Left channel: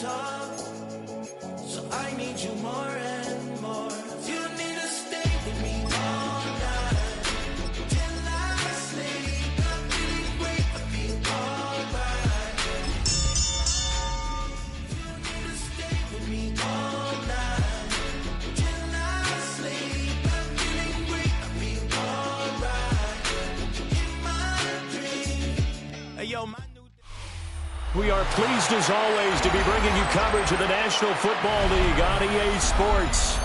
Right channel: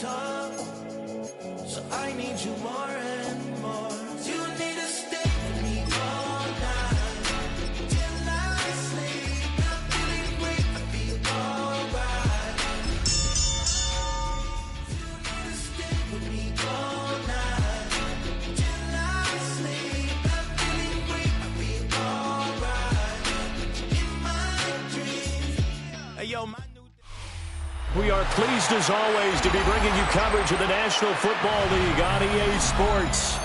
talk, so I need you more and more. You need to stay with me all night till I sleep. I'm feeling great, I feel alright. You need to stay with me all night till I sleep. I'm feeling great, I feel alright. In my dreams. Hey yo, my We are pleased, as always, to be bringing you coverage of the National Football League on EA Sports.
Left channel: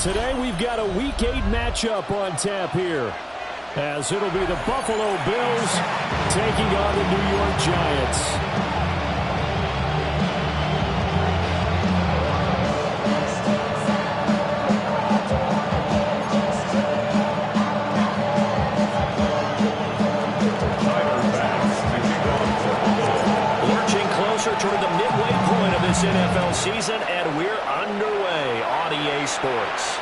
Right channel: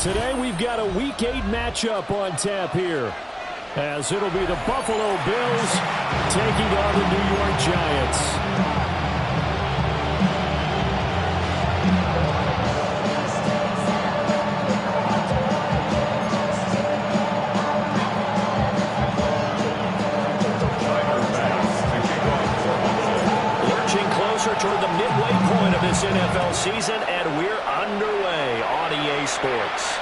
Today, we've got a Week 8 matchup on tap here, as it'll be the Buffalo Bills taking on the New York Giants. Toward the midway point of this NFL season, and we're underway on EA Sports.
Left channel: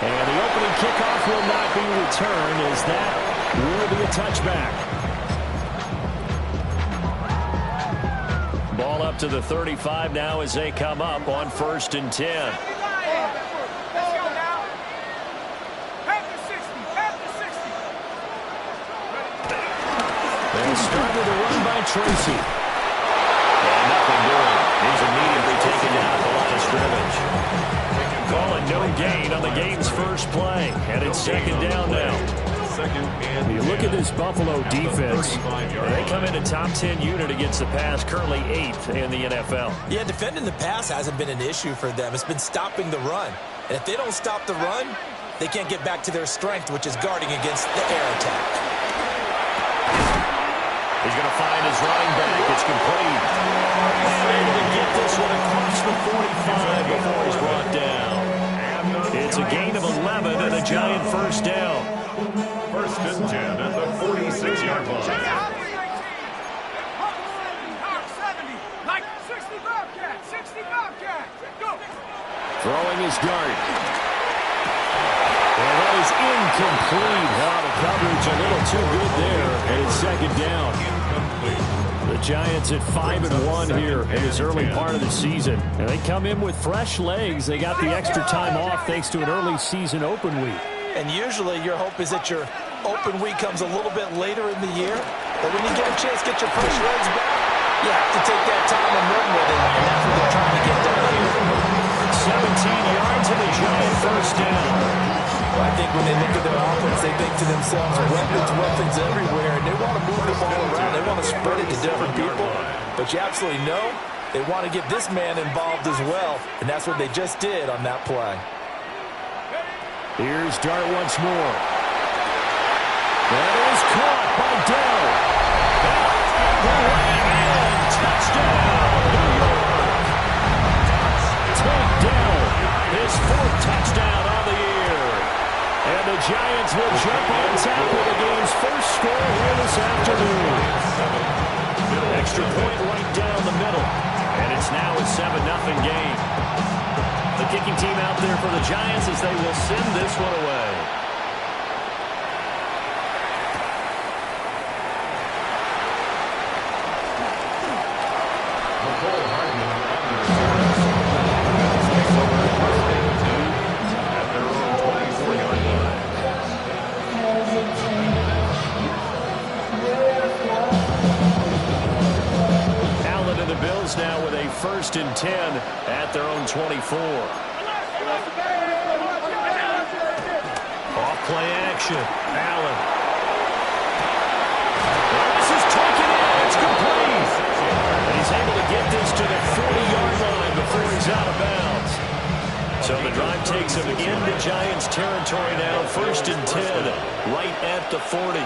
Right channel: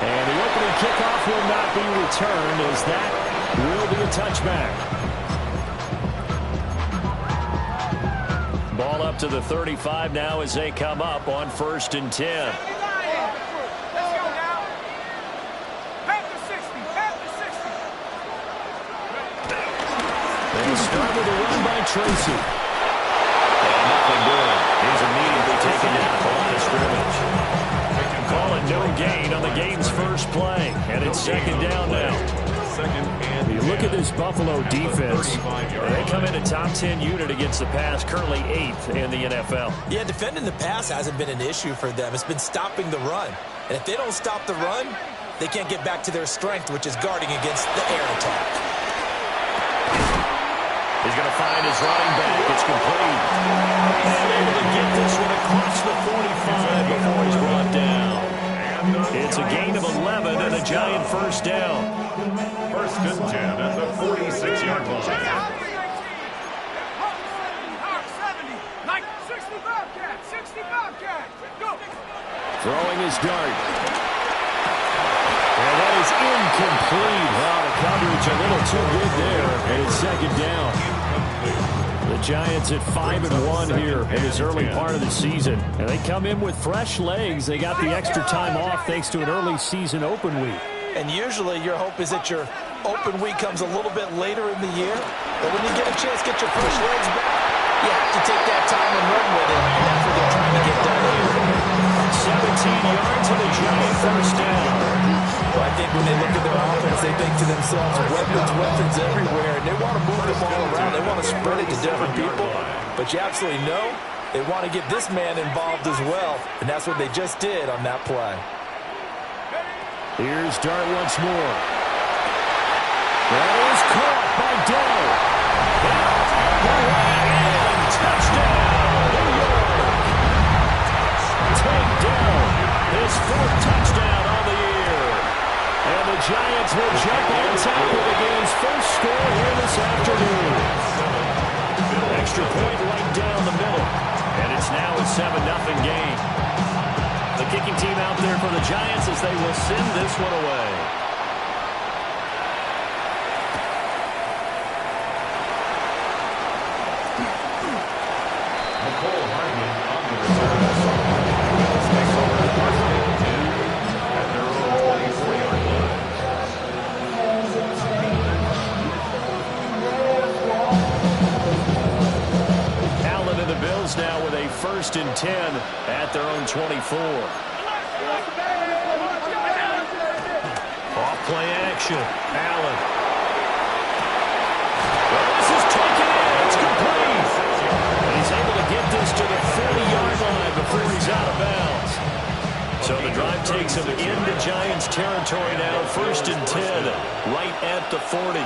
And the opening kickoff will not be returned, as that will be a touchback. Ball up to the 35 now as they come up on 1st and 10. They start with a run by Tracy. And nothing doing. He's immediately taken down at the line of scrimmage. Calling no gain on the game's first play. And it's 2nd down now. You look at this Buffalo defense. They come in a top 10 unit against the pass, currently 8th in the NFL. Yeah, defending the pass hasn't been an issue for them. It's been stopping the run. And if they don't stop the run, they can't get back to their strength, which is guarding against the air attack. He's going to find his running back. It's complete. And able to get this one across the 45 before he's brought down. It's a gain of 11 and a Giant first down. 1st and 10 at the 46-yard line. 60 Bobcat. Go. Throwing his dart. And that is incomplete. Oh, the coverage a little too good there. And it's 2nd down. The Giants at 5-1 here in this early part of the season. And they come in with fresh legs. They got the extra time off thanks to an early season open week. And usually your hope is that your open week comes a little bit later in the year. But when you get a chance to get your fresh legs back, you have to take that time and run with it. And that's what they're trying to get done here. 17 yards and a Giant first down. Well, I think when they look at their offense, they think to themselves, weapons everywhere, and they want to move the ball around. They want to spread it to different people. But you absolutely know they want to get this man involved as well, and that's what they just did on that play. Here's Dart once more. That is caught by Dell. And touchdown, New York. Take down his 4th touchdown on the year. And the Giants will jump on top with the game's first score here this afternoon. Extra point right down the middle. And it's now a 7-0 game. The kicking team out there for the Giants as they will send this one away. The Bills now with a 1st and 10 at their own 24. Off play action. Allen. Well, this is taken in. It's complete. And he's able to get this to the 40-yard line before he's out of bounds. So the drive takes him into Giants territory now. 1st and 10 right at the 40.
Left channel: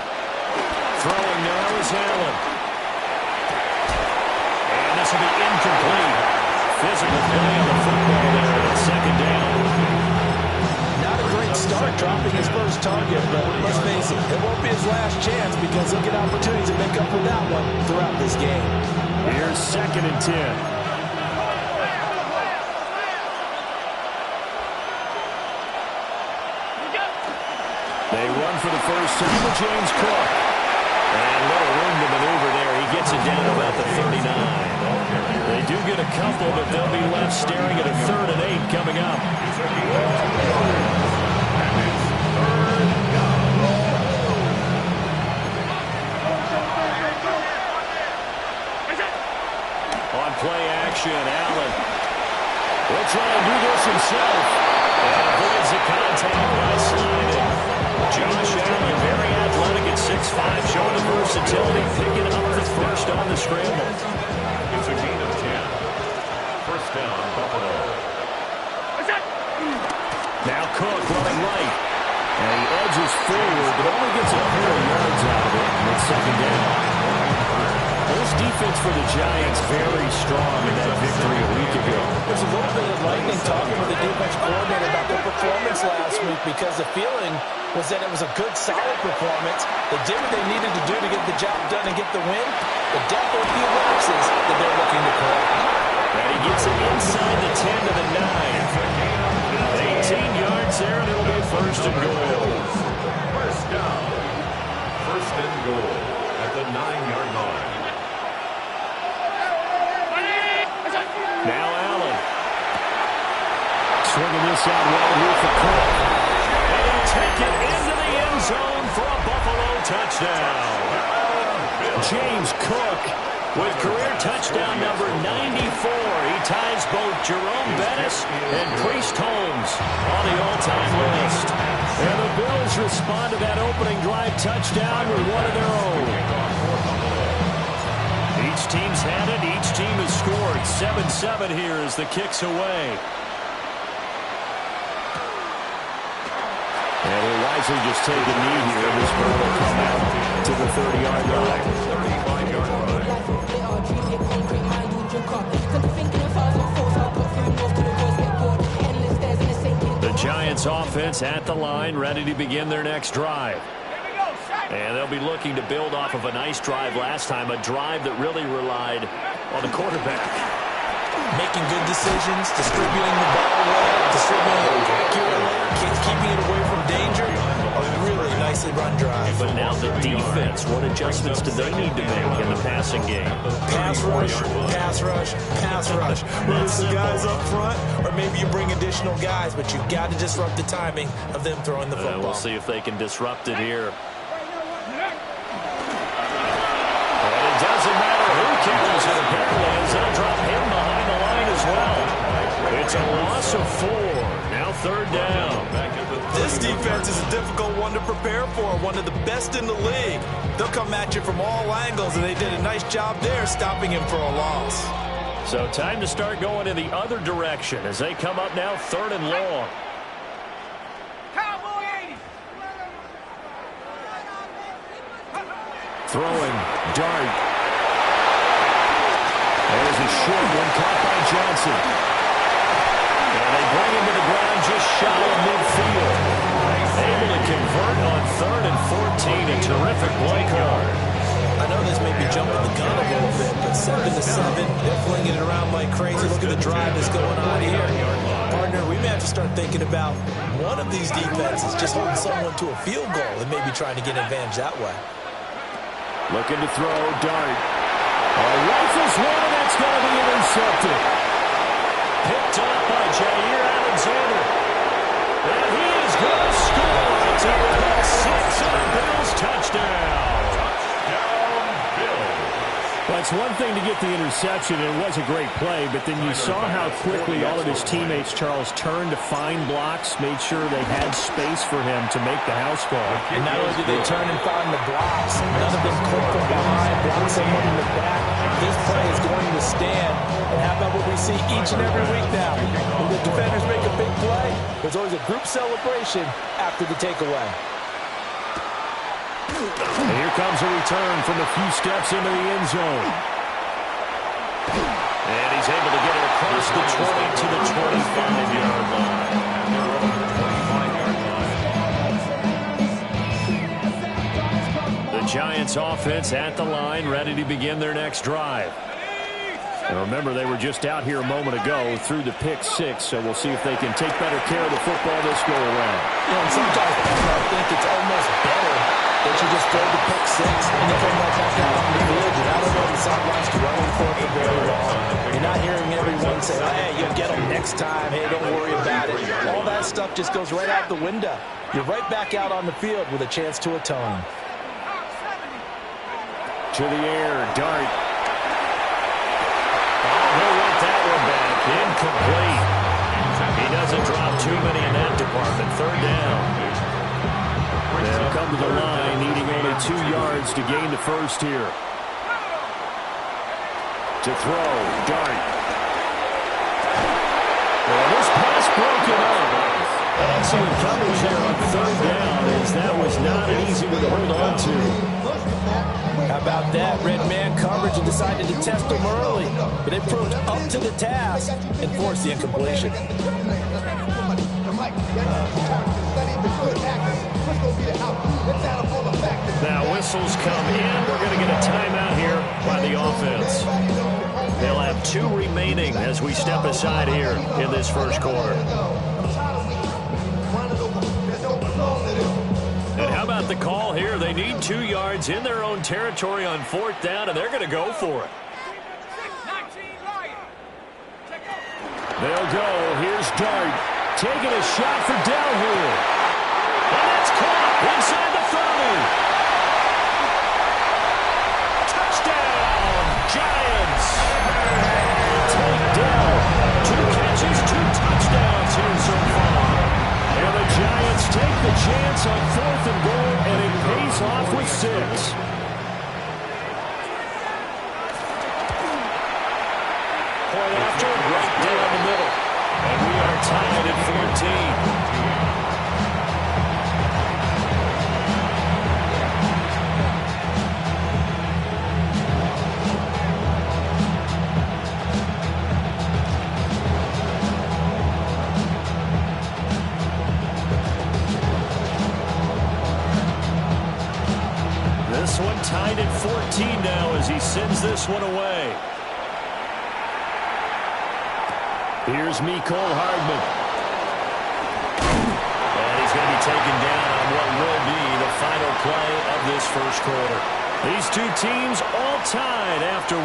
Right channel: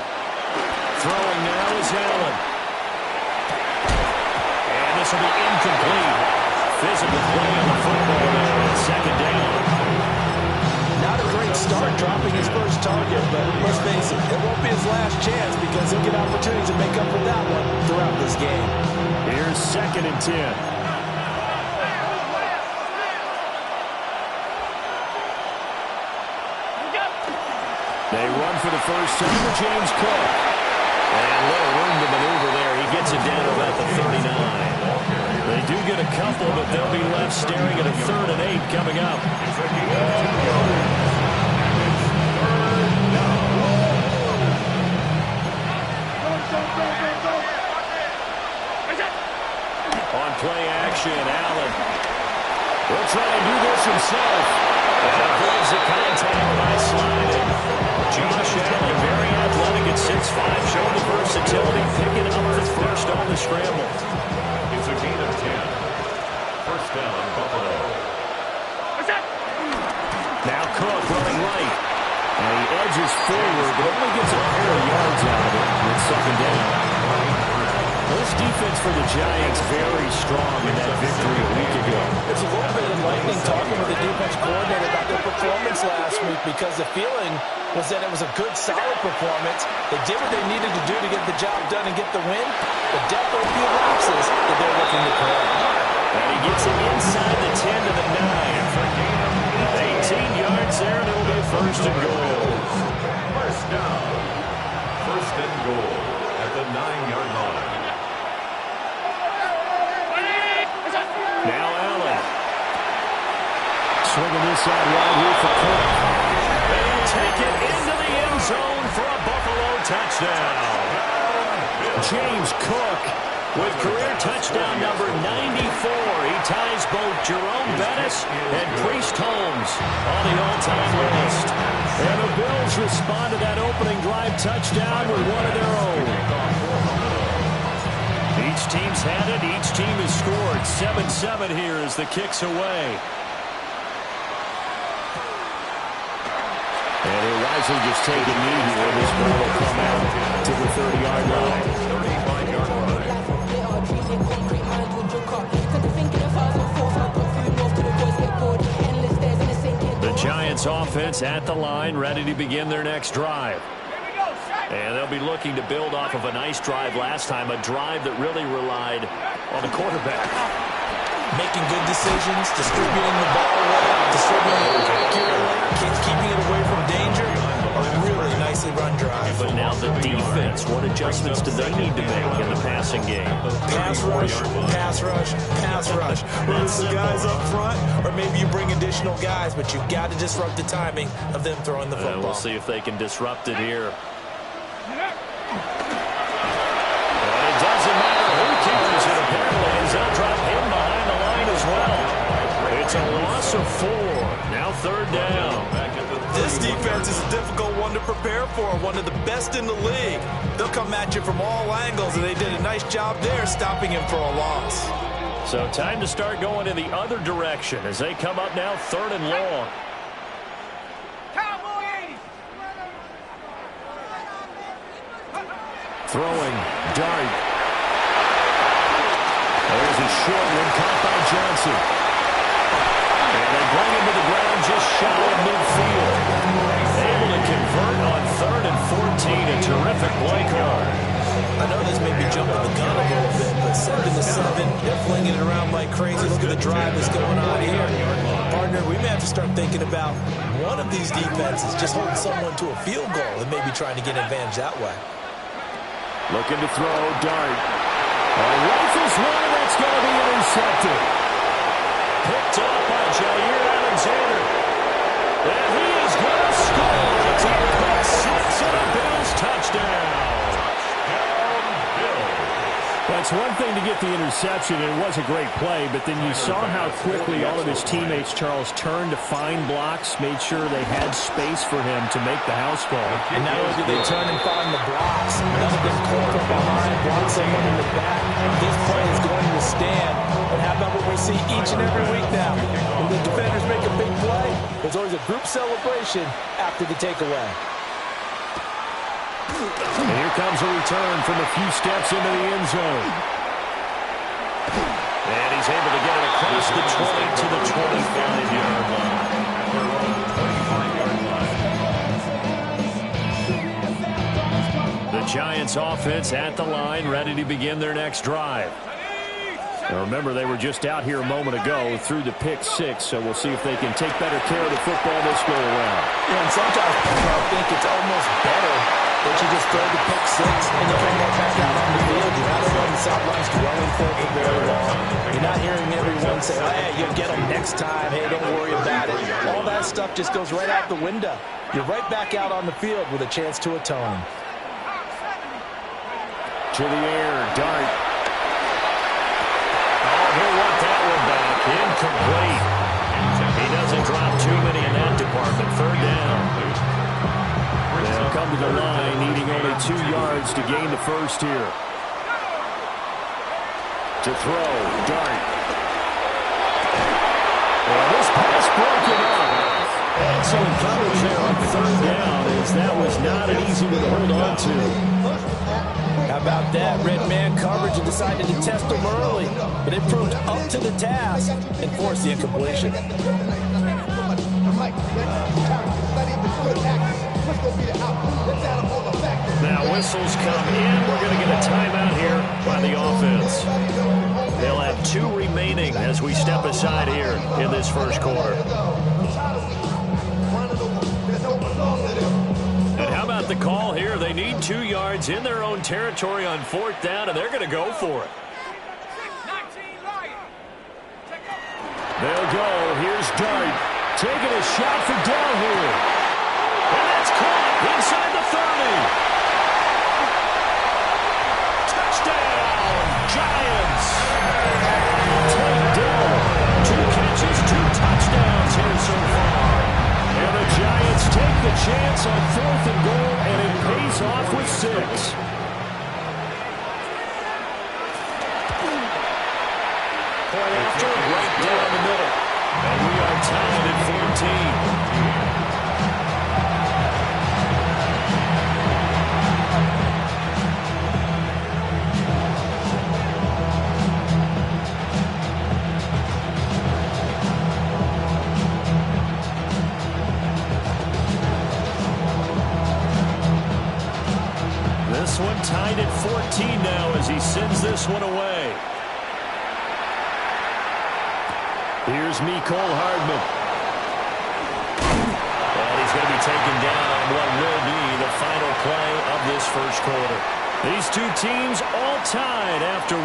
Throwing now is Allen. This will be incomplete. Physical play on the football there on 2nd down. Not a great start dropping his first target, but let's face it, it won't be his last chance because he'll get opportunities to make up for that one throughout this game. Here's 2nd and 10. They run for the first time with James Cook. And little room to maneuver there. He gets it down to about the 39. do get a couple, but they'll be left staring at a 3rd and 8 coming up. It's a gain of 2 yards. And it's 3rd down. On play action, Allen. He'll try and do this himself. And avoids the contact by sliding. Josh Allen, very athletic at 6'5", showing the versatility, picking up the first on the scramble. It's a gain of 10. First down, Buffalo. Now Cook running right. And he edges forward, but only gets a pair of yards out of it. And it's 2nd down. This defense for the Giants very strong in that victory a week ago. There's a little bit of enlightening talking with the defense coordinator about their performance last week because the feeling was that it was a good, solid performance. They did what they needed to do to get the job done and get the win, but definitely a few lapses that they're looking to correct. And he gets it inside the 10 to the 9. 18 yards there, and it'll be 1st and goal. First down. 1st and goal at the 9-yard line. Now Allen. Swinging this out wide here for Cook. And he'll take it into the end zone for a Buffalo touchdown. James Cook with career touchdown number 94. He ties both Jerome Bettis and Priest Holmes on the all-time list. And the Bills respond to that opening drive touchdown with one of their own. Each team's had it. Each team has scored. 7-7 here as the kick's away. And he'll wisely just take a knee here. This ball will come out to the 30-yard line. 35-yard line. The Giants offense at the line, ready to begin their next drive. And they'll be looking to build off of a nice drive last time, a drive that really relied on the quarterback. Making good decisions, distributing the ball well, distributing it accurately, keeping it away from danger. A really nicely run drive. But now the defense, what adjustments do they need to make in the passing game? Pass rush, pass rush, pass rush. Whether it's the guys up front or maybe you bring additional guys, but you've got to disrupt the timing of them throwing the football. We'll see if they can disrupt it here. And it doesn't matter who carries it, apparently, as they'll drop him behind the line as well. It's a loss of 4. Now 3rd down. This defense is a difficult one to prepare for, one of the best in the league. They'll come at you from all angles, and they did a nice job there stopping him for a loss. So time to start going in the other direction as they come up now 3rd and long. Throwing, dart. There's a short one caught by Johnson. And they bring him to the ground just shy of midfield. Able to convert on 3rd and 14. A terrific play call. I know this may be jumping the gun a little bit, but 7-7, they're flinging it around like crazy. Look at the drive that's going on here. Partner, we may have to start thinking about one of these defenses just holding someone to a field goal and maybe trying to get an advantage that way. Looking to throw, dart. Rifles one, and that's going to be intercepted. Picked off by Jair Alexander. And he is going to score. It's a pick 6 and a Bills touchdown. Touchdown, Bills. Well, it's one thing to get the interception, and it was a great play, but then you saw how quickly all of his teammates, Charles, turned to find blocks, made sure they had space for him to make the house call. And not only did they turn and find the blocks, none of them clipped from behind, blocked someone in the back. This play is going to stand. And how about what we see each and every week now? When the defenders make a big play, there's always a group celebration after the takeaway. And here comes a return from a few steps into the end zone. And he's able to get it across the 20 to the 25-yard line. At their own 25-yard line. The Giants offense at the line, ready to begin their next drive. Now remember, they were just out here a moment ago through the pick 6, so we'll see if they can take better care of the football this go around. Yeah, and sometimes I think it's almost better that you just throw the pick 6 and you come right back out on the field. You're not on the sidelines dwelling for it for very long. You're not hearing everyone say, hey, you'll get them next time. Hey, don't worry about it. All that stuff just goes right out the window. You're right back out on the field with a chance to atone. To the air, Dart. Oh, he'll want that one back. Incomplete. He doesn't drop too many in that department. Third down. They'll come to the line, needing only 2 yards to gain the first here. To throw, Dart. Well, this pass broken up. Excellent coverage there on third down, as that was not an easy one to hold on to. How about that? Red man coverage and decided to test them early. But they proved up to the task and forced the incompletion. Now whistles come in. We're going to get a timeout here by the offense. They'll have 2 remaining as we step aside here in this first quarter. And how about the call here? They need 2 yards in their own territory on 4th down, and they're going to go for it. They'll go. Here's Dart taking a shot for Dell here. And that's caught inside the 30. Touchdown, Giants. Take Dell. 2 catches, 2 touchdowns here so far. And the Giants take the chance on 4th and goal, and it pays off with 6. Point after, right down the middle. And we are tied at 14. This one tied at 14 now as he sends this one away. Here's Mecole Hardman. And he's going to be taken down on what will be the final play of this first quarter. These 2 teams all tied after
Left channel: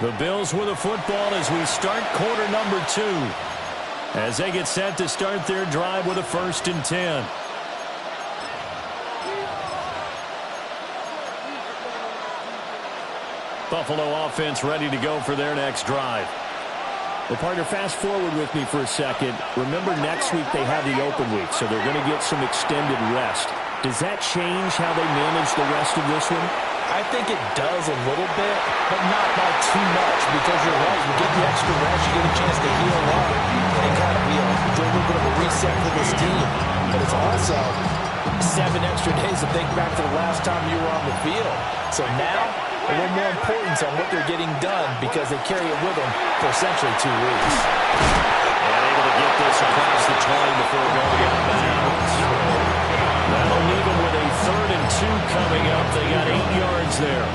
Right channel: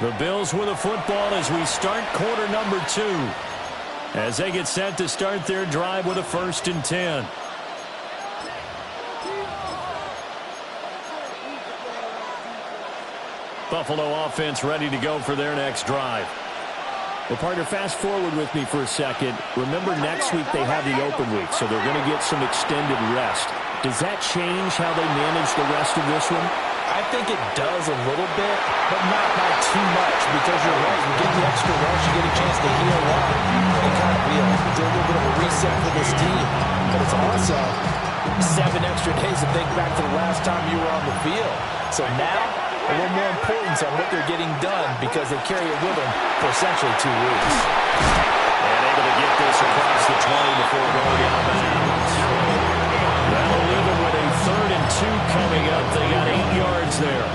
1. The Bills with the football as we start quarter number 2. As they get set to start their drive with a 1st and 10. Buffalo offense ready to go for their next drive. Well, partner, fast forward with me for a second. Remember, next week they have the open week, so they're going to get some extended rest. Does that change how they manage the rest of this one? I think it does a little bit, but not by too much, because you're right. You get the extra rest, you get a chance to heal up and kind of do a little bit of a reset for this team. But it's also 7 extra days to think back to the last time you were on the field. So now, a little more importance on what they're getting done, because they carry it with them for essentially 2 weeks. And able to get this across the 20 before going out of bounds. That'll leave them with a 3rd and 2 coming up. They got 8 yards there.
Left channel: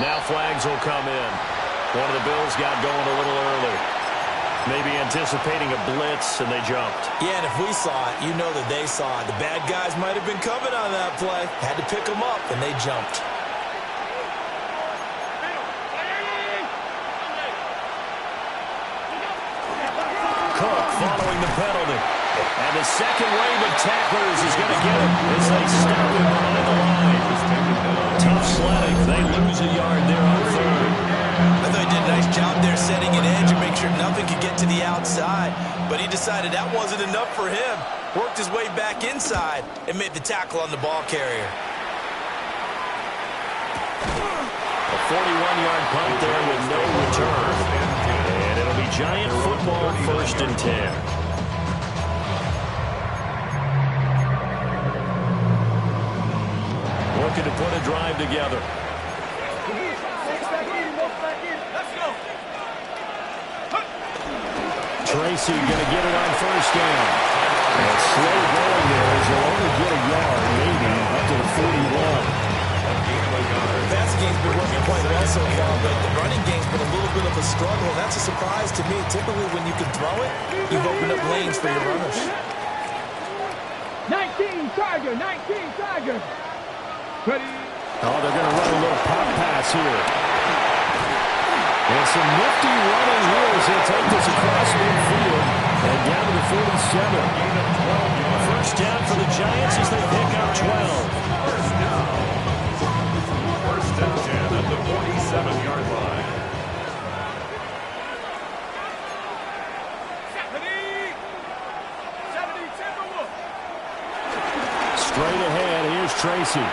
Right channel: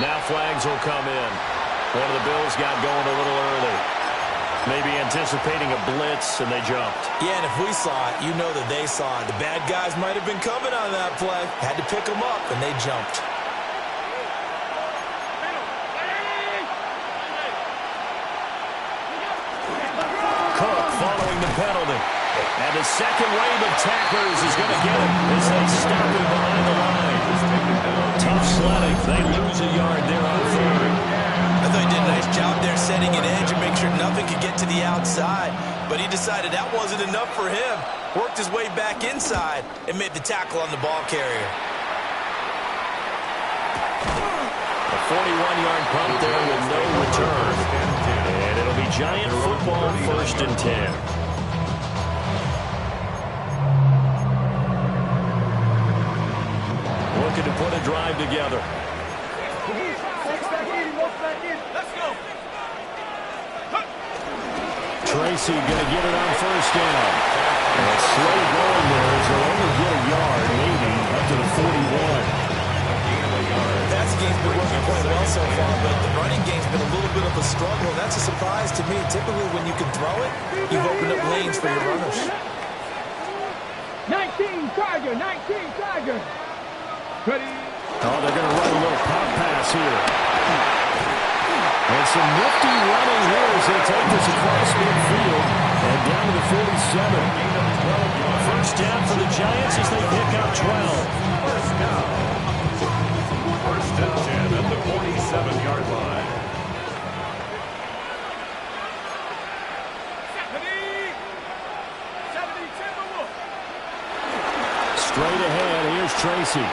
Now flags will come in. One of the Bills got going a little early. Maybe anticipating a blitz, and they jumped. Yeah, and if we saw it, you know that they saw it. The bad guys might have been coming on that play. Had to pick them up, and they jumped. Following the penalty. And the second wave of tacklers is going to get him as they stop him behind the line. Tough sledding. They lose a yard there on 3rd. I thought he did a nice job there setting an edge and make sure nothing could get to the outside. But he decided that wasn't enough for him. Worked his way back inside and made the tackle on the ball carrier. A 41-yard punt there with no return. And it'll be Giant football, 1st and 10. Looking to put a drive together. Let's go. Tracy going to get it on 1st down. And it's slow going there as they'll only get a yard, maybe, up to the 41. A gain of a yard. The passing game's been working quite well so far, but the running game's been a little bit of a struggle, and that's a surprise to me. Typically, when you can throw it, you've opened up lanes for your runners. 19 Tiger, 19 Tiger. Ready? Oh, they're going to run a little pop pass here. And some nifty running here as they take this across midfield and down to the 47. First down for the Giants as they pick up 12. First down. First and 10 at the 47-yard line. 70 Timberwolf. Straight ahead, here's Tracy.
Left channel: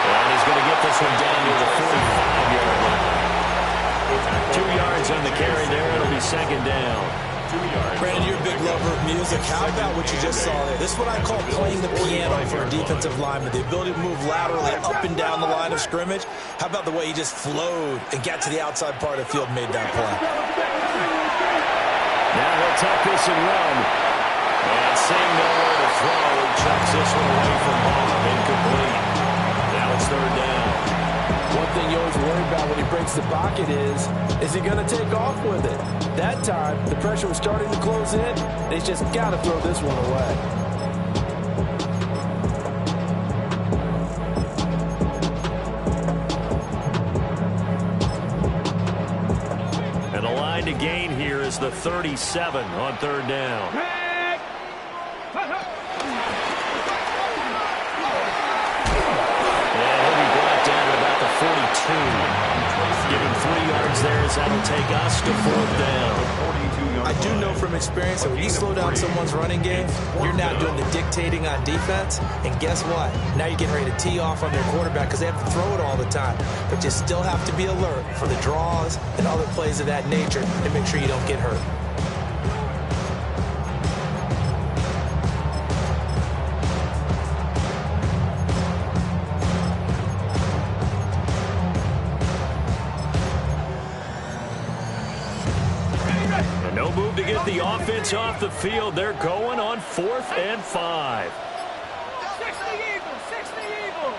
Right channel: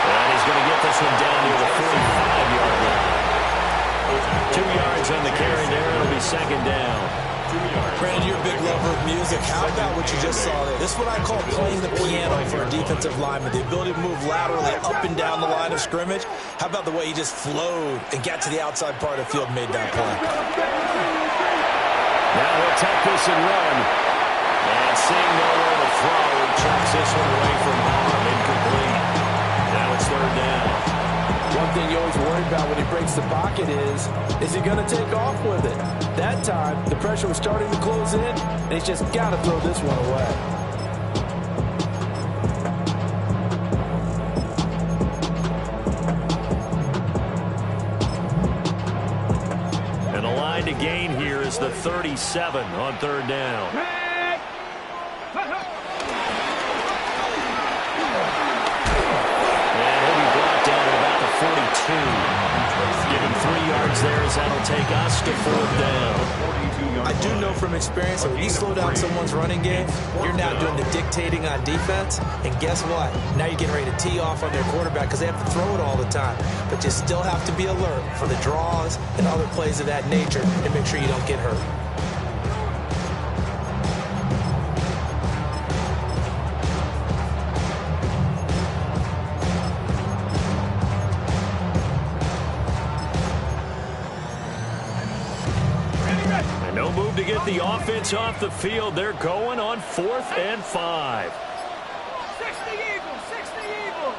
And he's going to get this one down near the 45-yard line. 2 yards on the carry there. It'll be second down. 2 yards. Brandon, you're a big lover of music. How about what you just saw there? This is what I call playing the piano for a defensive lineman. The ability to move laterally up and down the line of scrimmage. How about the way he just flowed and got to the outside part of the field and made that play? Now he'll tuck this and run. And seeing nowhere to throw, he chucks this one away from harm. Incomplete. Now it's third down. One thing you always worry about when he breaks the pocket is he going to take off with it? That time, the pressure was starting to close in, and he's just got to throw this one away. And the line to gain here is the 37 on third down. And he'll be brought down at about the 42. Give him 3 yards there as that'll take us to fourth down. I do know from experience that when you slow down someone's running game, you're now doing the dictating on defense. And guess what? Now you're getting ready to tee off on their quarterback because they have to throw it all the time. But you still have to be alert for the draws and other plays of that nature and make sure you don't get hurt. And no move to get the offense off the field. They're going on 4th and 5. 60 Eagles, 60 Eagles.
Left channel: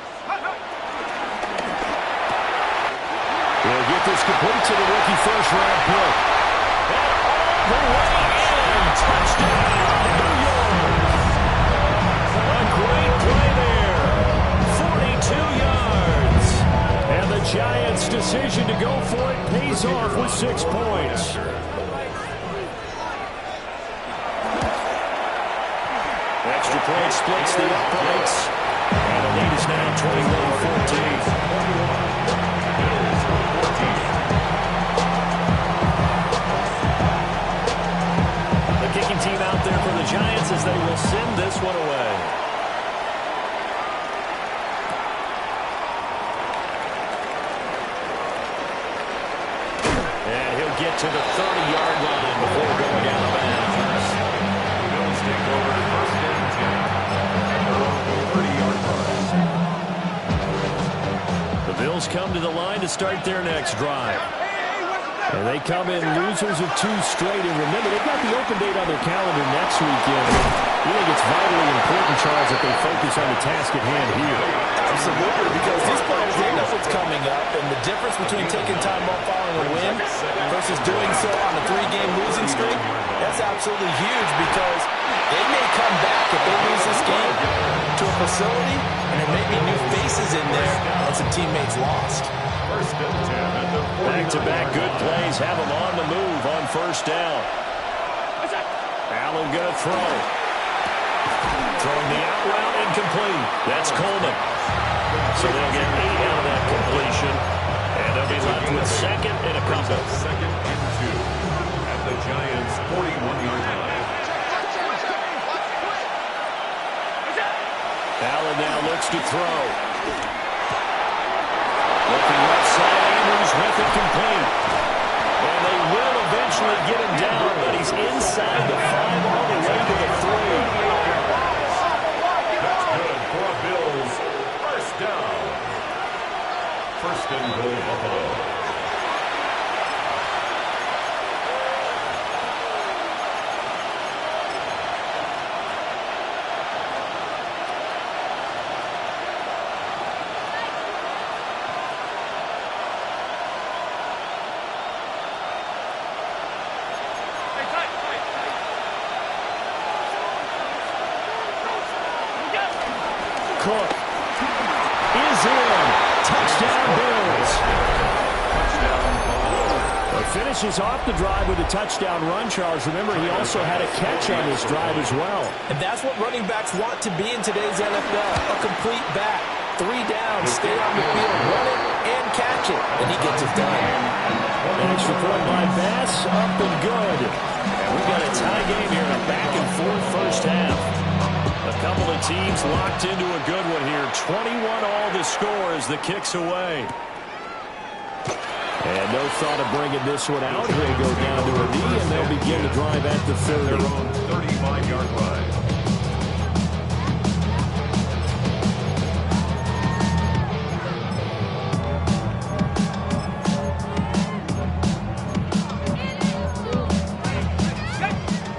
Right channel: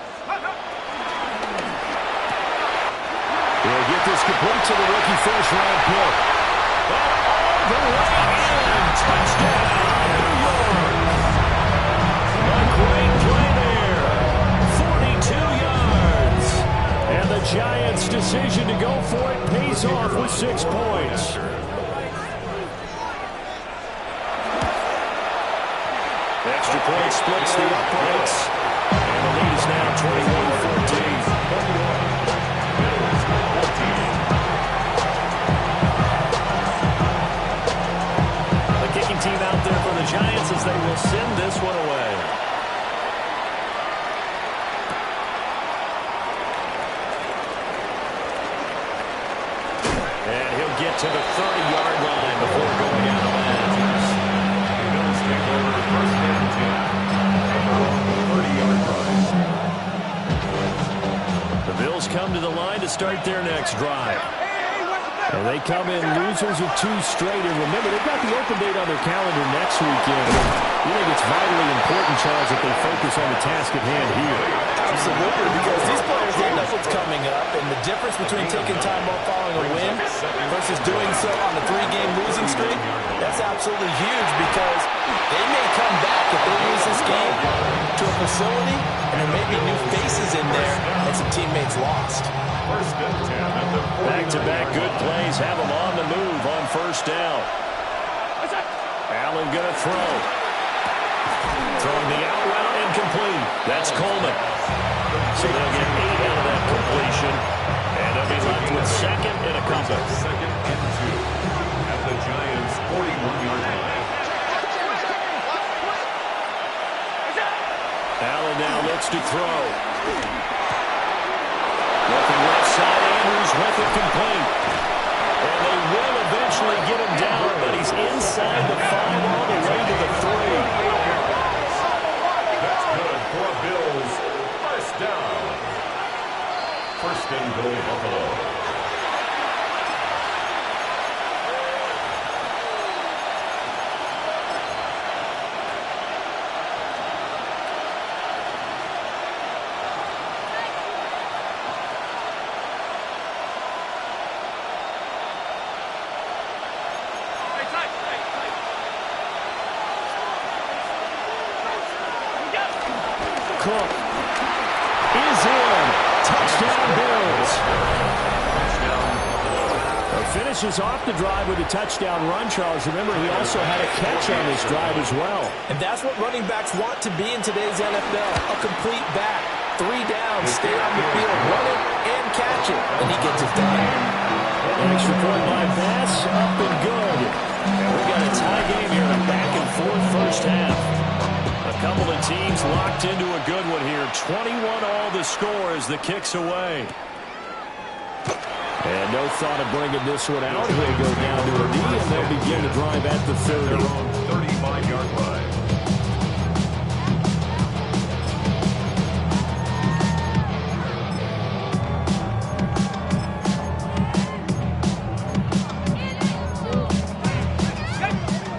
He'll get this complete to the rookie first-round pick. And all the way in. Touchdown, New York. A great play there. 42 yards. And the Giants' decision to go for it pays off with 6 points. Extra point splits the uprights. And the lead is now 21-14. 14. The kicking team out there for the Giants as they will send this one away. And he'll get to the 30-yard line before going out of bounds. The Bills take over first and 10 at their own 30-yard line. The Bills come to the line to start their next drive. And they come in losers of 2 straight. And remember, they've got the open date on their calendar next weekend. You think it's vitally important, Charles, that they focus on the task at hand here? Absolutely, because these players, they know what's coming up, and the difference between taking time off following a win versus doing so on a 3-game losing streak, that's absolutely huge because they may come back if they lose this game to a facility, and there may be new faces in there and some teammates lost. First and 10 at the 40. Back-to-back good plays have them on the move on first down. Allen going to throw. Throwing the out route incomplete. That's Coleman. So they'll get 8 out of that completion. And they'll be left with second and a couple. Second and 2 at the Giants' 41-yard line. Allen now looks to throw. Looking left side, Andrews with it complete. And they will eventually get him down, but he's inside the 5 all the way to the 3. That's good for a Bills first down. First and goal, Buffalo. Cook is in. Touchdown, Bills. Finishes off the drive with a touchdown run, Charles. Remember, he also had a catch on this drive as well. And that's what running backs want to be in today's NFL, a complete back. 3 downs, stay on the field, run it, and catch it. And he gets it done. An extra point by Bass, up and good. And we've got a tie game here in a back-and-forth first half. A couple of teams locked into a good one here. 21 all the score as the kick's away. And no thought of bringing this one out. He'll go down to a knee, and they'll begin the drive at the 30. Their own 35-yard line.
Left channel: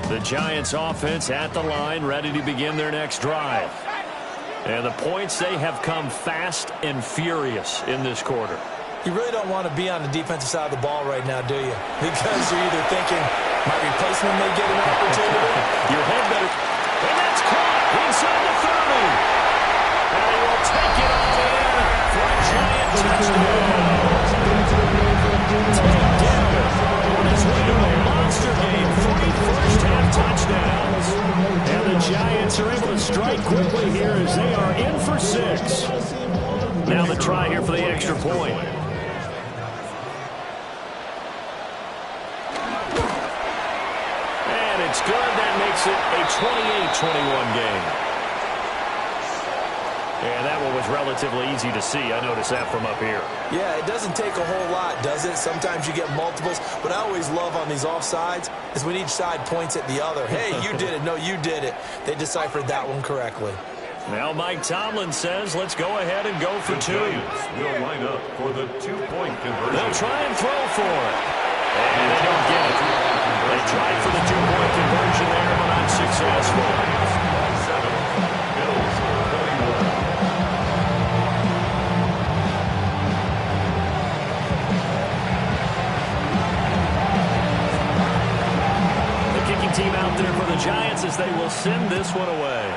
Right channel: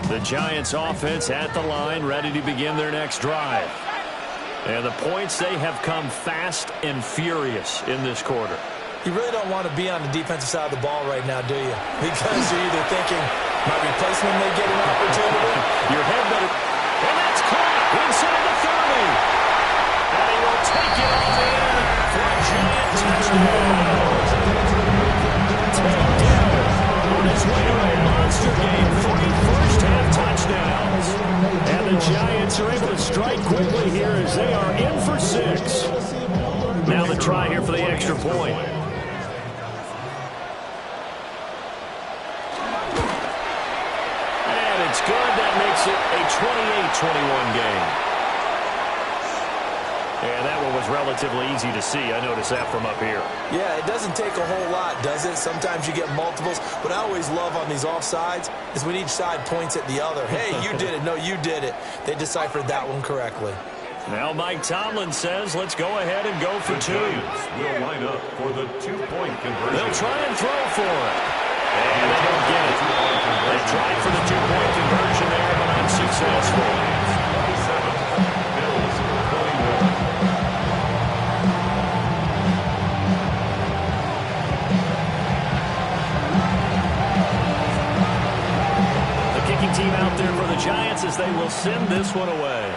The Giants offense at the line, ready to begin their next drive. And the points, they have come fast and furious in this quarter. You really don't want to be on the defensive side of the ball right now, do you? Because you're either thinking, my replacement may get an opportunity. Your head better. And that's caught inside the 30. And he will take it on in for a Giant touchdown. Takedown on his way to a monster game. 3 first-half touchdowns. And the Giants are able to strike quickly here as they are in for 6. Now the try here for the extra point. It's good. That makes it a 28-21 game. And that one was relatively easy to see. I noticed that from up here. Yeah, it doesn't take a whole lot, does it? Sometimes you get multiples. What I always love on these offsides is when each side points at the other. Hey, you did it. No, you did it. They deciphered that one correctly. Now Mike Tomlin says, let's go ahead and go for 2. Will line up for the 2-point conversion. They'll try and throw for it. And they don't get it. They tried for the 2-point conversion there, but unsuccessful. 27, Bills 21. The kicking team out there for the Giants as they will send this one away.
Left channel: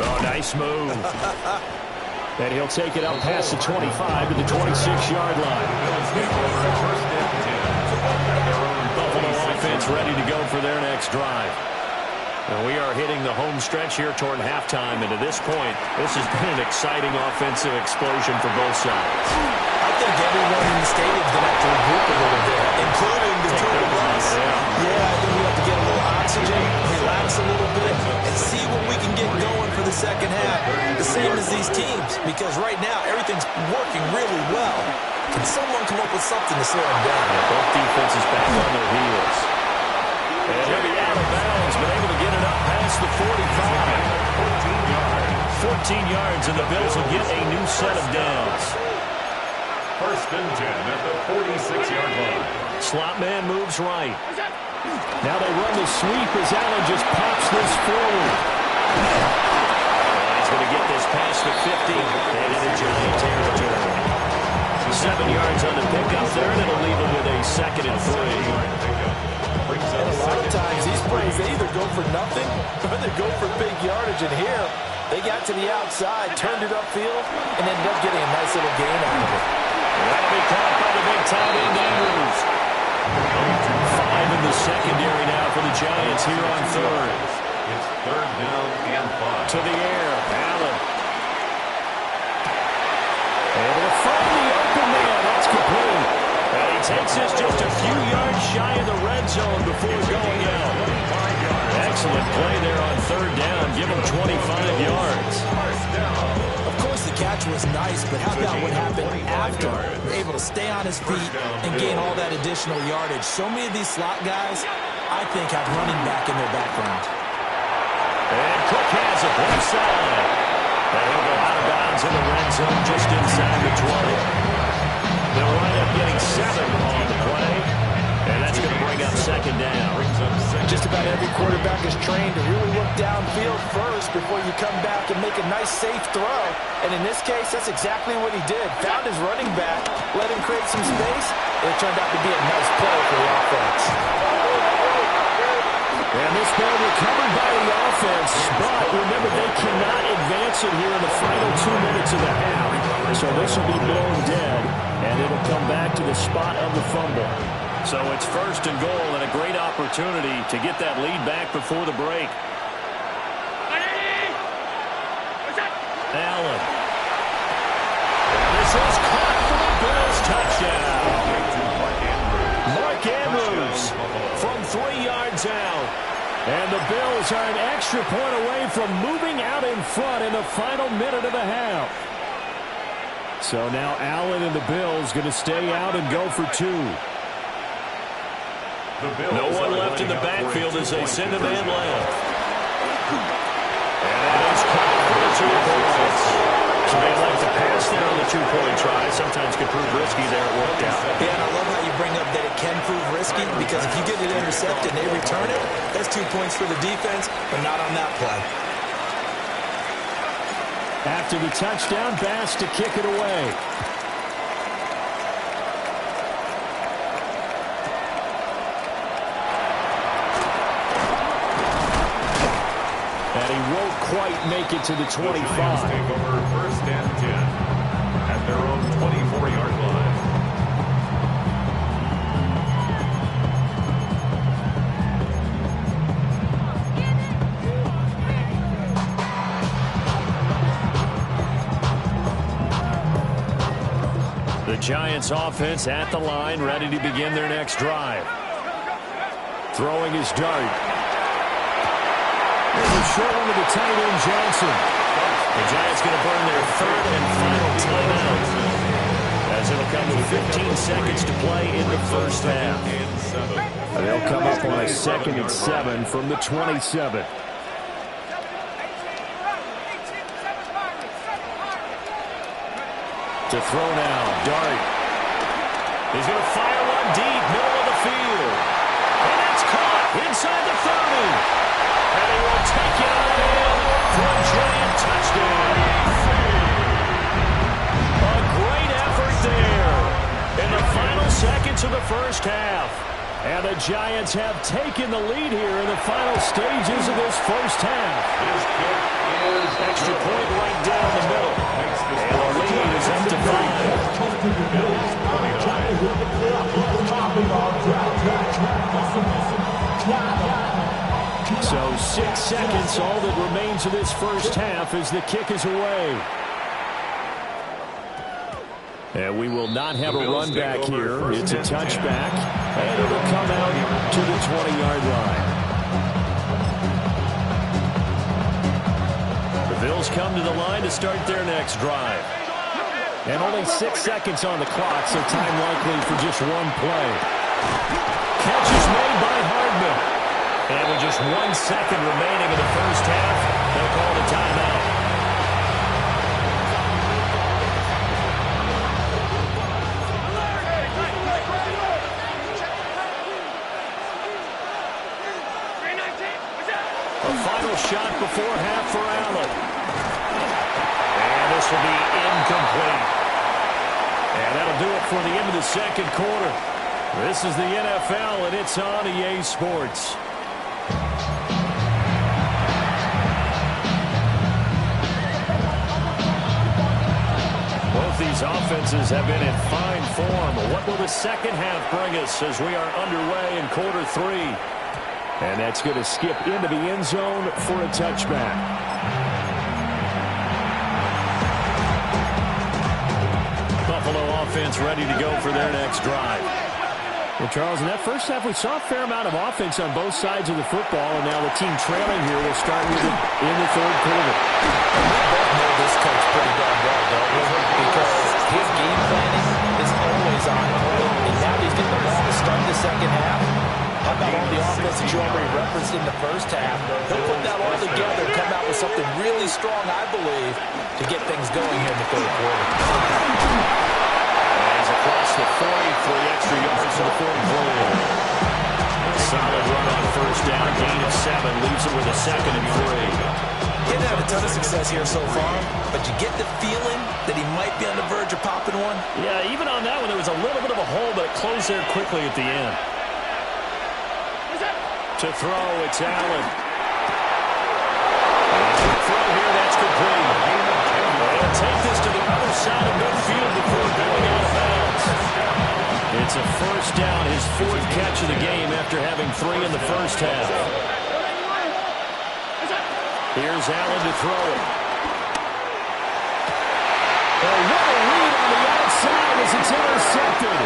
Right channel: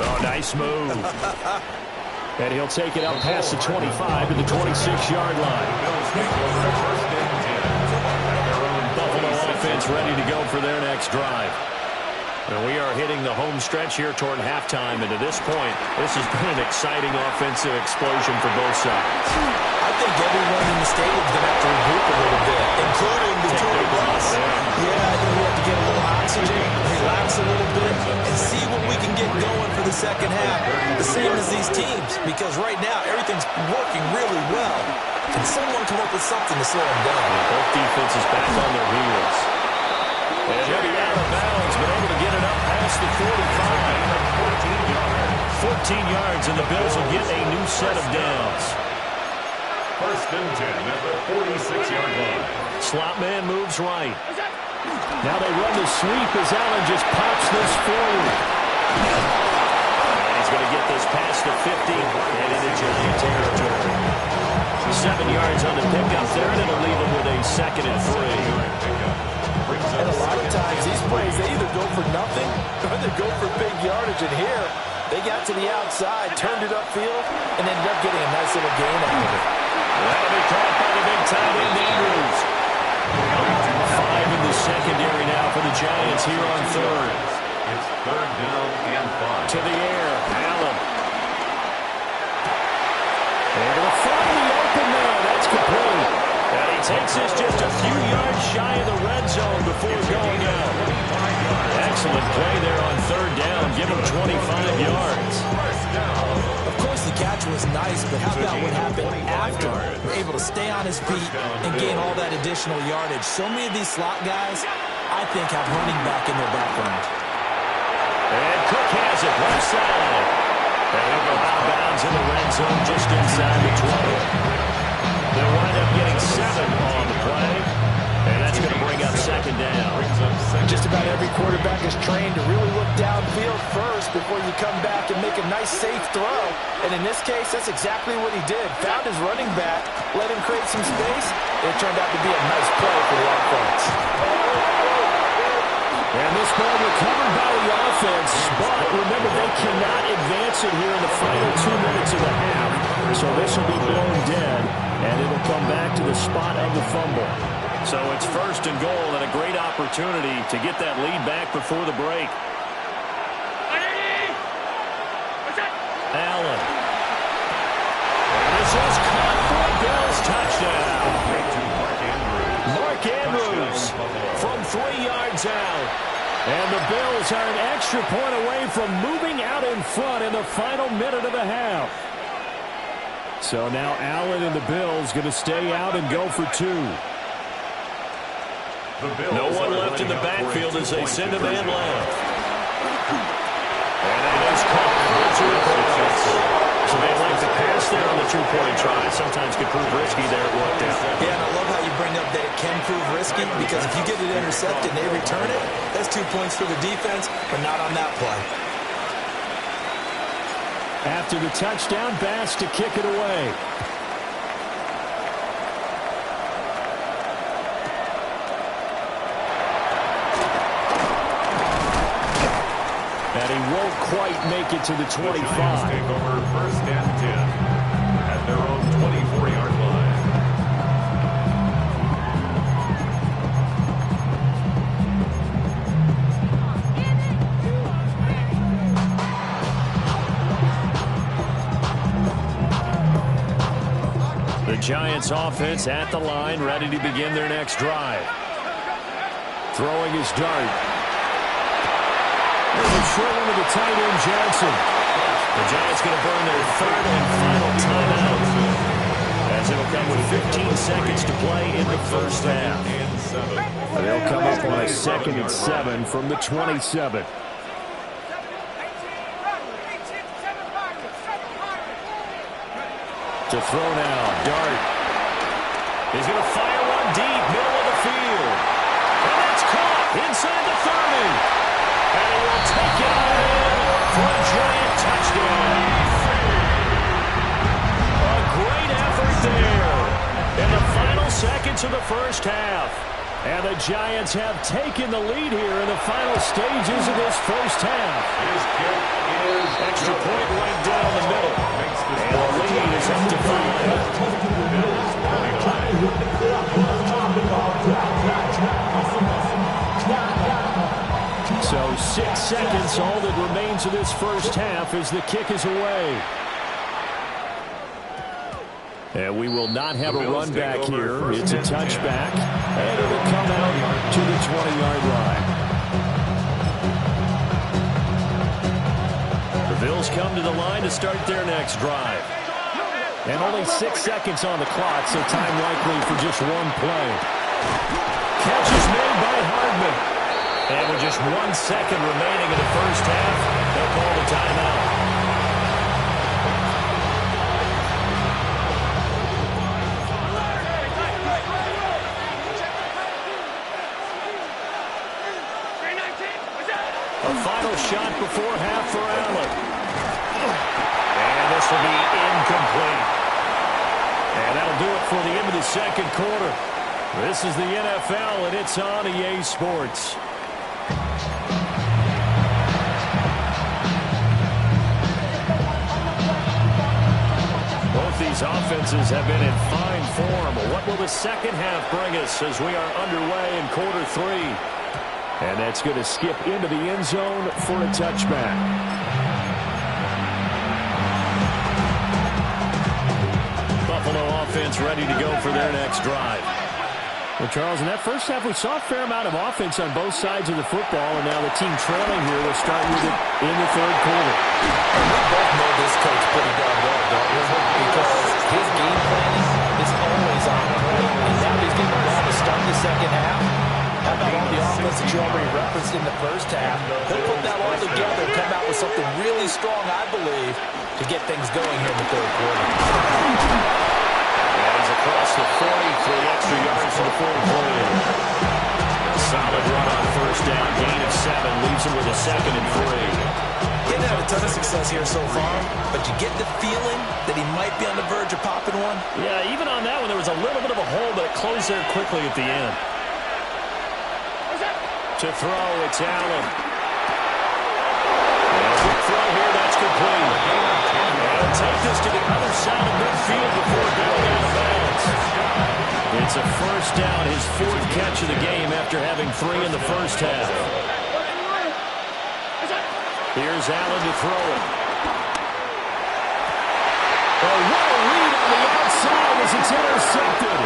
Oh, nice move. And he'll take it up past the 25 to the 26-yard line. The Bills take over at first and 10 at their own Buffalo offense ready to go for their next drive. And we are hitting the home stretch here toward halftime. And to this point, this has been an exciting offensive explosion for both sides. I think everyone in the stadium is going to have to regroup a little bit, including the tour bus. Yeah, I think we have to get a little oxygen, relax a little bit, and see what we can get going for the second half. The same as these teams, because right now everything's working really well. Can someone come up with something to slow them down? And both defenses back on their heels. And he'll be out of bounds, but able to get it up past the 45. 14 yards. 14 yards, and the Bills will get a new set of downs. First and 10 at the 46-yard line. Slot man moves right. Now they run the sweep as Allen just pops this forward. And he's going to get this past the 50 and into Giant territory. 7 yards on the pickup there, and it'll leave them with a 2nd and 3. And a lot of times these plays, they either go for nothing or they go for big yardage. And here, they got to the outside, turned it upfield, and ended up getting a nice little gain out of it. And that'll be caught by the big tight end, Andrews. 5 in the secondary now for the Giants here on 3rd. It's 3rd down and 5. To the air, Allen. Able to find the open man. That's complete. And he takes this just a few yards shy of the red zone before going out. Excellent play there on 3rd down. Give him 25 yards. Of course, the catch was nice, but how about what happened after? Able to stay on his feet and gain all that additional yardage. So many of these slot guys, I think, have running back in their background. And Cook has it left side. And he'll go out of bounds in the red zone just inside the 20. They'll wind up getting 7 on the play, and that's going to bring up 2nd down. Just about every quarterback is trained to really look downfield first before you come back and make a nice, safe throw. And in this case, that's exactly what he did. Found his running back, let him create some space, and it turned out to be a nice play for the offense. And this ball recovered by the offense, but remember, they cannot advance it here in the final 2 minutes of the half. So this will be blown dead, and it'll come back to the spot of the fumble. So it's first and goal, and a great opportunity to get that lead back before the break. Allen. And this is caught for a Bills touchdown. Mark Andrews from 3 yards out. And the Bills are an extra point away from moving out in front in the final minute of the half. So now Allen and the Bills going to stay out and go for 2. No one left in the backfield as they send a man left. And that is caught for the 2 points. So they like to pass there on the 2-point try. Sometimes can prove risky there. It worked out. Yeah, and I love how you bring up that it can prove risky, because if you get it intercepted and they return it, that's 2 points for the defense, but not on that play. After the touchdown, Bass to kick it away. And he won't quite make it to the 25. The Giants take over first and 10 at their own 24-yard line. The Giants offense at the line, ready to begin their next drive. Throwing his dart. There's a short one to the tight end, Johnson. The Giants going to burn their 3rd and final timeout, as it'll come with 15 seconds to play in the first half. They'll come up on a 2nd and 7 from the 27. To throw now, Dart. He's going to fire one deep, middle of the field. And that's caught inside the 30. And he will take it on in for a Giant touchdown. A great effort there in the final seconds of the first half. And the Giants have taken the lead here in the final stages of this first half. His kick is extra point right down the middle. And the lead is up to 5. Bills 29. So 6 seconds, all that remains of this first half as the kick is away. And we will not have a run back here. It's a touchback, and it'll come out to the 20-yard line. The Bills come to the line to start their next drive. And only 6 seconds on the clock, so time likely for just one play. Catch is made by Hardman. And with just 1 second remaining in the first half, they'll call the timeout. A final shot before half for Allen. And this will be incomplete. And that'll do it for the end of the second quarter. This is the NFL, and it's on EA Sports. Both these offenses have been in fine form. What will the second half bring us as we are underway in quarter 3? And that's going to skip into the end zone for a touchback. Buffalo offense ready to go for their next drive. Well, Charles, in that first half, we saw a fair amount of offense on both sides of the football, and now the team trailing here will start with it in the third quarter. And we both know this coach pretty darn well, don't we? Because his game planning is always on point, and now he's getting the ball to start the second half. How about all the offense that you already referenced in the first half? He'll put that all together and come out with something really strong, I believe, to get things going here in the third quarter. He's across the 40 for the extra yards to the 43. A solid run on first down, gain of 7, leaves him with a 2nd and 3. He hasn't had a ton of success here so far, but you get the feeling that he might be on the verge of popping one. Yeah, even on that one, there was a little bit of a hole, but it closed there quickly at the end. To throw, it's Allen. And a quick throw here, that's complete. They'll take this to the other side of midfield before going out of bounds. It's a first down, his fourth catch of the game after having 3 in the first half. Here's Allen to throw it. Oh, what a read on the outside as it's intercepted.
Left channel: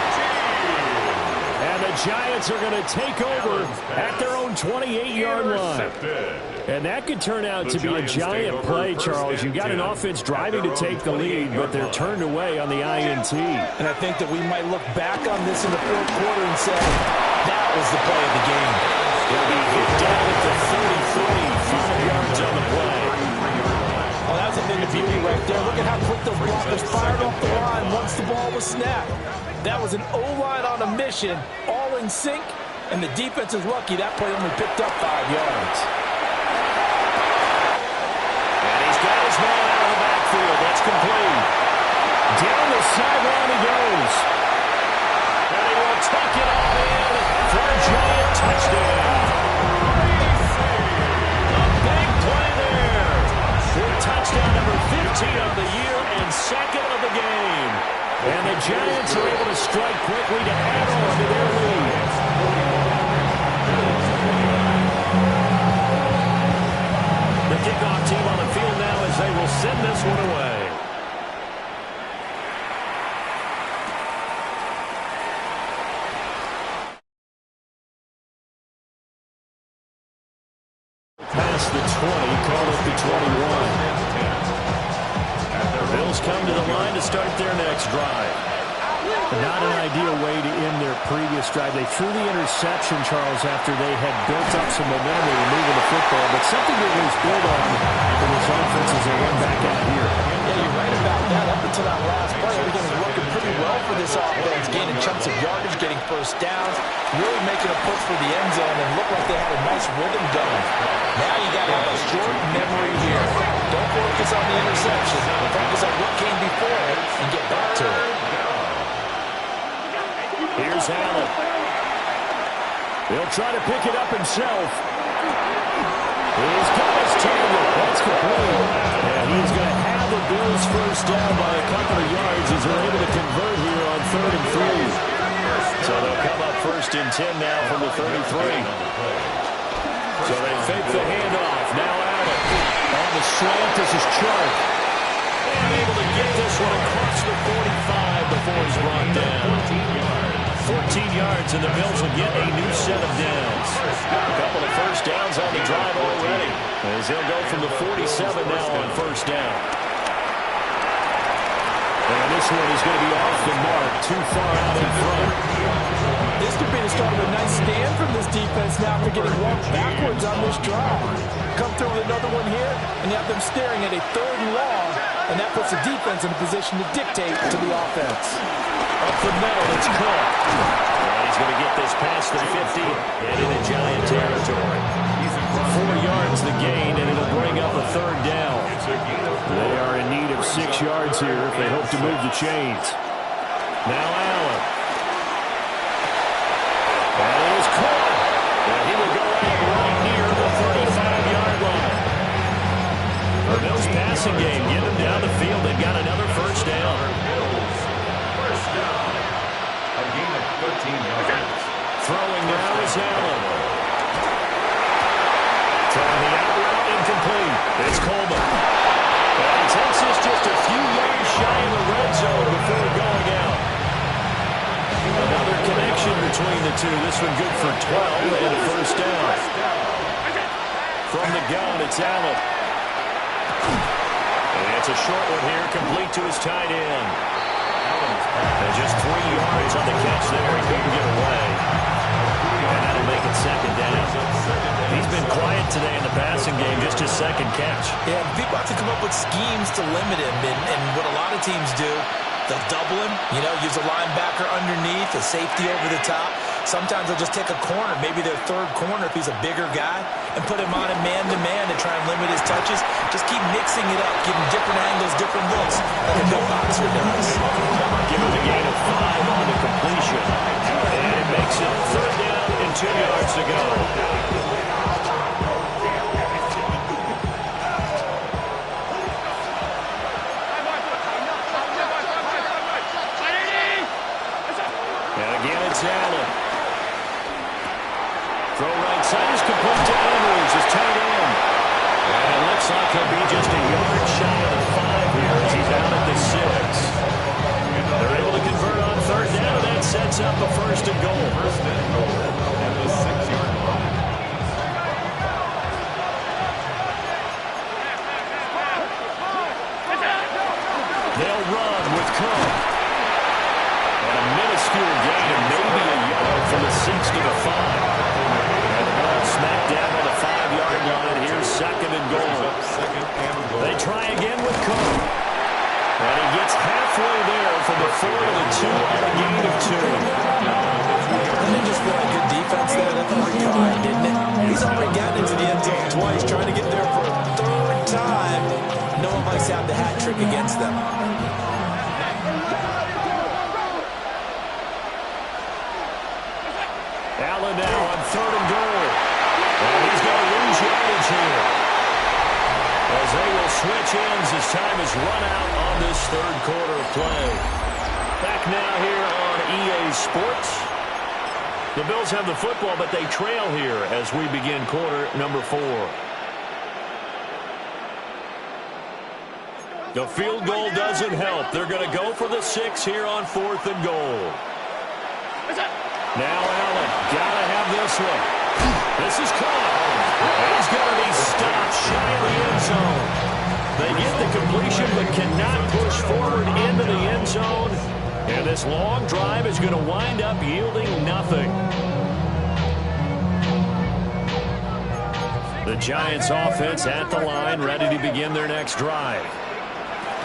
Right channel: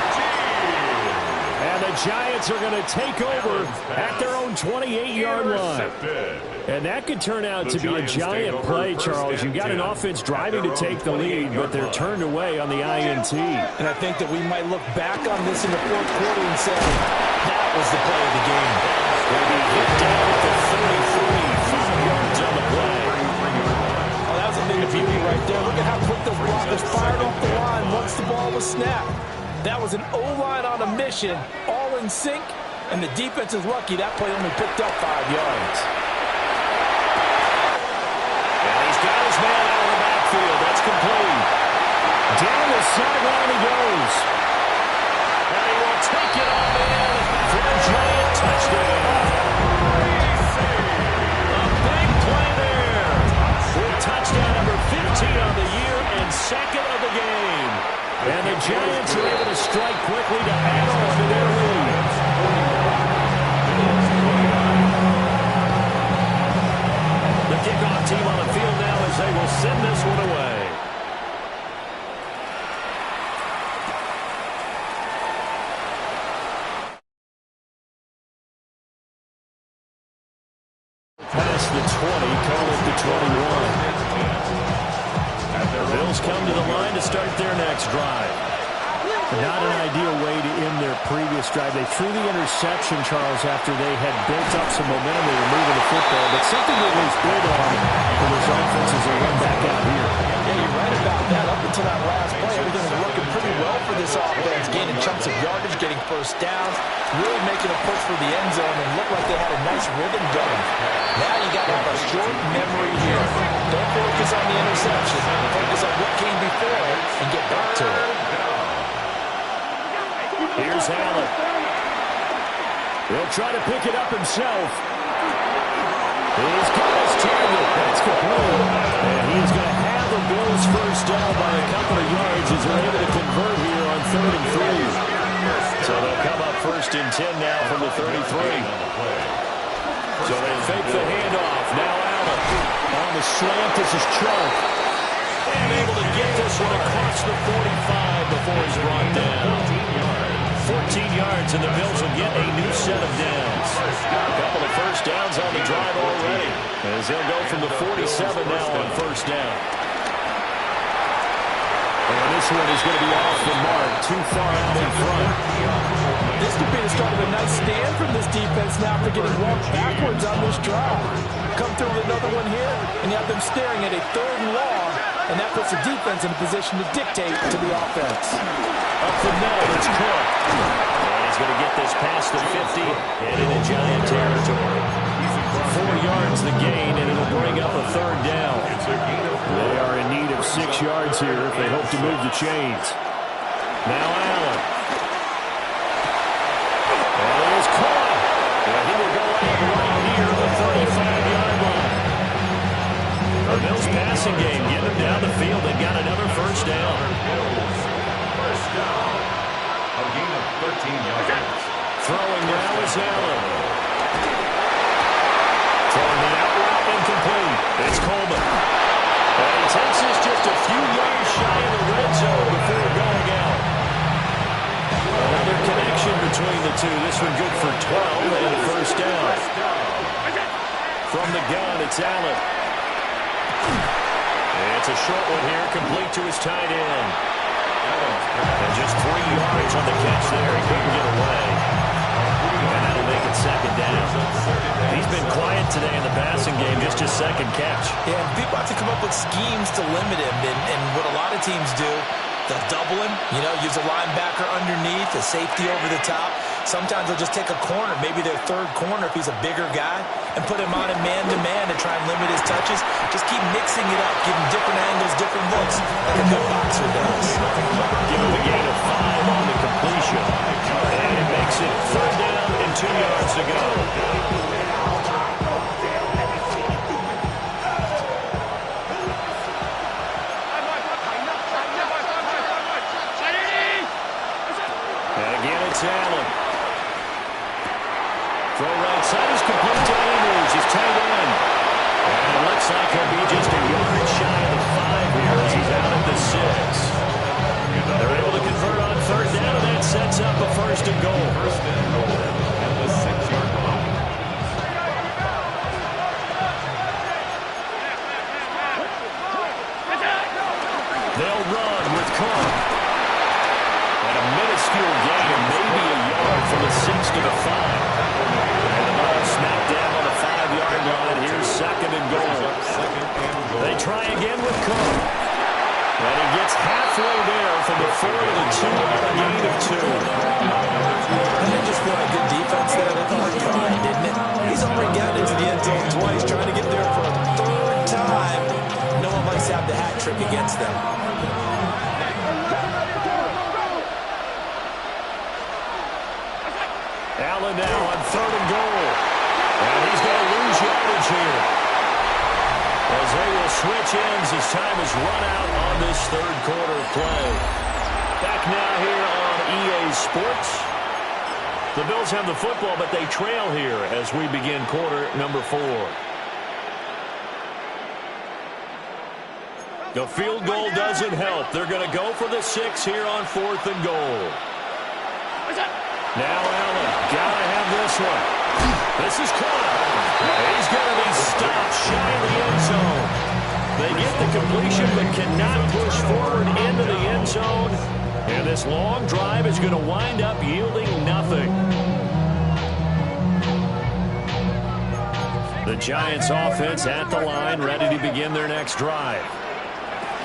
And the Giants are going to take over at their own 28-yard line. And that could turn out to be a giant play, Charles. You've got an offense driving to take the lead, but they're turned away on the INT. And I think that we might look back on this in the fourth quarter and say, that was the play of the game. They'll be hit down at the 33, 5 yards on the play. Oh, that was a thing of beauty right there. Look at how quick those blockers fired off the line once the ball was snapped. That was an O-line on a mission, all in sync, and the defense is lucky that play only picked up 5 yards. And he's got his man out of the backfield. That's complete. Down the sideline he goes. And he will take it all in for a Giant touchdown. A big play there. With touchdown number 15 on the year and second of the game. And the Giants are able to strike quickly to add on to their lead. The kickoff team on the field now as they will send this one away. Past the 20, call it the 21. The Bills come to the line to start their next drive. Not an ideal way to end their previous drive. They threw the interception, Charles, after they had built up some momentum. They were moving the football, but something that was built on for this offense as they run back out here. Yeah, you're right about that. Up until that last play, everything was working pretty well for this offense, gaining chunks of yardage, getting first downs, really making a push for the end zone, and looked like they had a nice rhythm going. Now you got to have a short memory here. Don't focus on the interception. Focus on what came before it and get back to it. Here's Allen. He'll try to pick it up himself. He's got his target. That's complete. And he's going to have the Bills first down by a couple of yards as they're able to convert here on 3rd and 3. So they'll come up 1st and 10 now from the 33. So they fake the handoff. Now Allen on the slant. This is Chark. And able to get this one across the 45 before he's brought down. 14 yards, and the Bills will get a new set of downs. A couple of first downs on the drive already, as they'll go from the 47 now on first down. And this one is going to be off the mark, too far out in front. This could be the start of a nice stand from this defense now after getting walked backwards on this drive. Come through with another one here, and you have them staring at a 3rd and long, and that puts the defense in a position to dictate to the offense. Up the middle, it's Cook. And he's going to get this past the 50 and into Giant territory. 4 yards the gain, and it'll bring up a 3rd down. They are in need of 6 yards here if they hope to move the chains. Now Allen. And he is caught. And he will go out right near the 35-yard line. The Bills passing game, get them down the field. They've got another first down. A gain of 13 yards. Throwing now is Allen. Throwing the out route incomplete. It's Coleman. And he takes this just a few yards shy of the red zone before going out. Another connection between the two. This one good for 12 and a first down. From the gun, it's Allen. And it's a short one here, complete to his tight end. And just 3 yards on the catch there. He couldn't get away. And that'll make it 2nd down. He's been quiet today in the passing game, just his 2nd catch. Yeah, people have to come up with schemes to limit him. And what a lot of teams do, they'll double him, use a linebacker underneath, a safety over the top. Sometimes they'll just take a corner, maybe their 3rd corner if he's a bigger guy, and put him on a man-to-man to try and limit his touches. Just keep mixing it up, give him different angles, different looks, like a good boxer does. Give him a gain of 5 on the completion. And it makes it 3rd down and 2 yards to go. And again, it's Allen. Throw right side is complete to Andrews, his tight end. And it looks like he'll be just a yard shy of the 5 here as he's out at the 6. They're able to convert on 3rd down, and that sets up a 1st and goal. 1st and goal at the 6-yard line. They'll run with Cook. And a minuscule gain of maybe a yard from the 6 to the 5. And the ball smack dab on the 5-yard line. Here's 2nd and goal. They try again with Cook. And he gets halfway there from the 4 to the 2 on a gain of 2. Didn't just feel like good defense there? That felt like pride, didn't it? He's already gotten into the end zone twice, trying to get there for a 3rd time. No one likes to have the hat trick against them. Allen now on 3rd and goal. And he's going to lose yardage here, as they will switch ends as time is run out on this 3rd quarter play. Back now here on EA Sports. The Bills have the football, but they trail here as we begin quarter number 4. The field goal doesn't help. They're going to go for the 6 here on 4th and goal. Now Allen, gotta have this one. This is caught. He's going to be stopped shy of the end zone. They get the completion but cannot push forward into the end zone. And this long drive is going to wind up yielding nothing. The Giants offense at the line, ready to begin their next drive.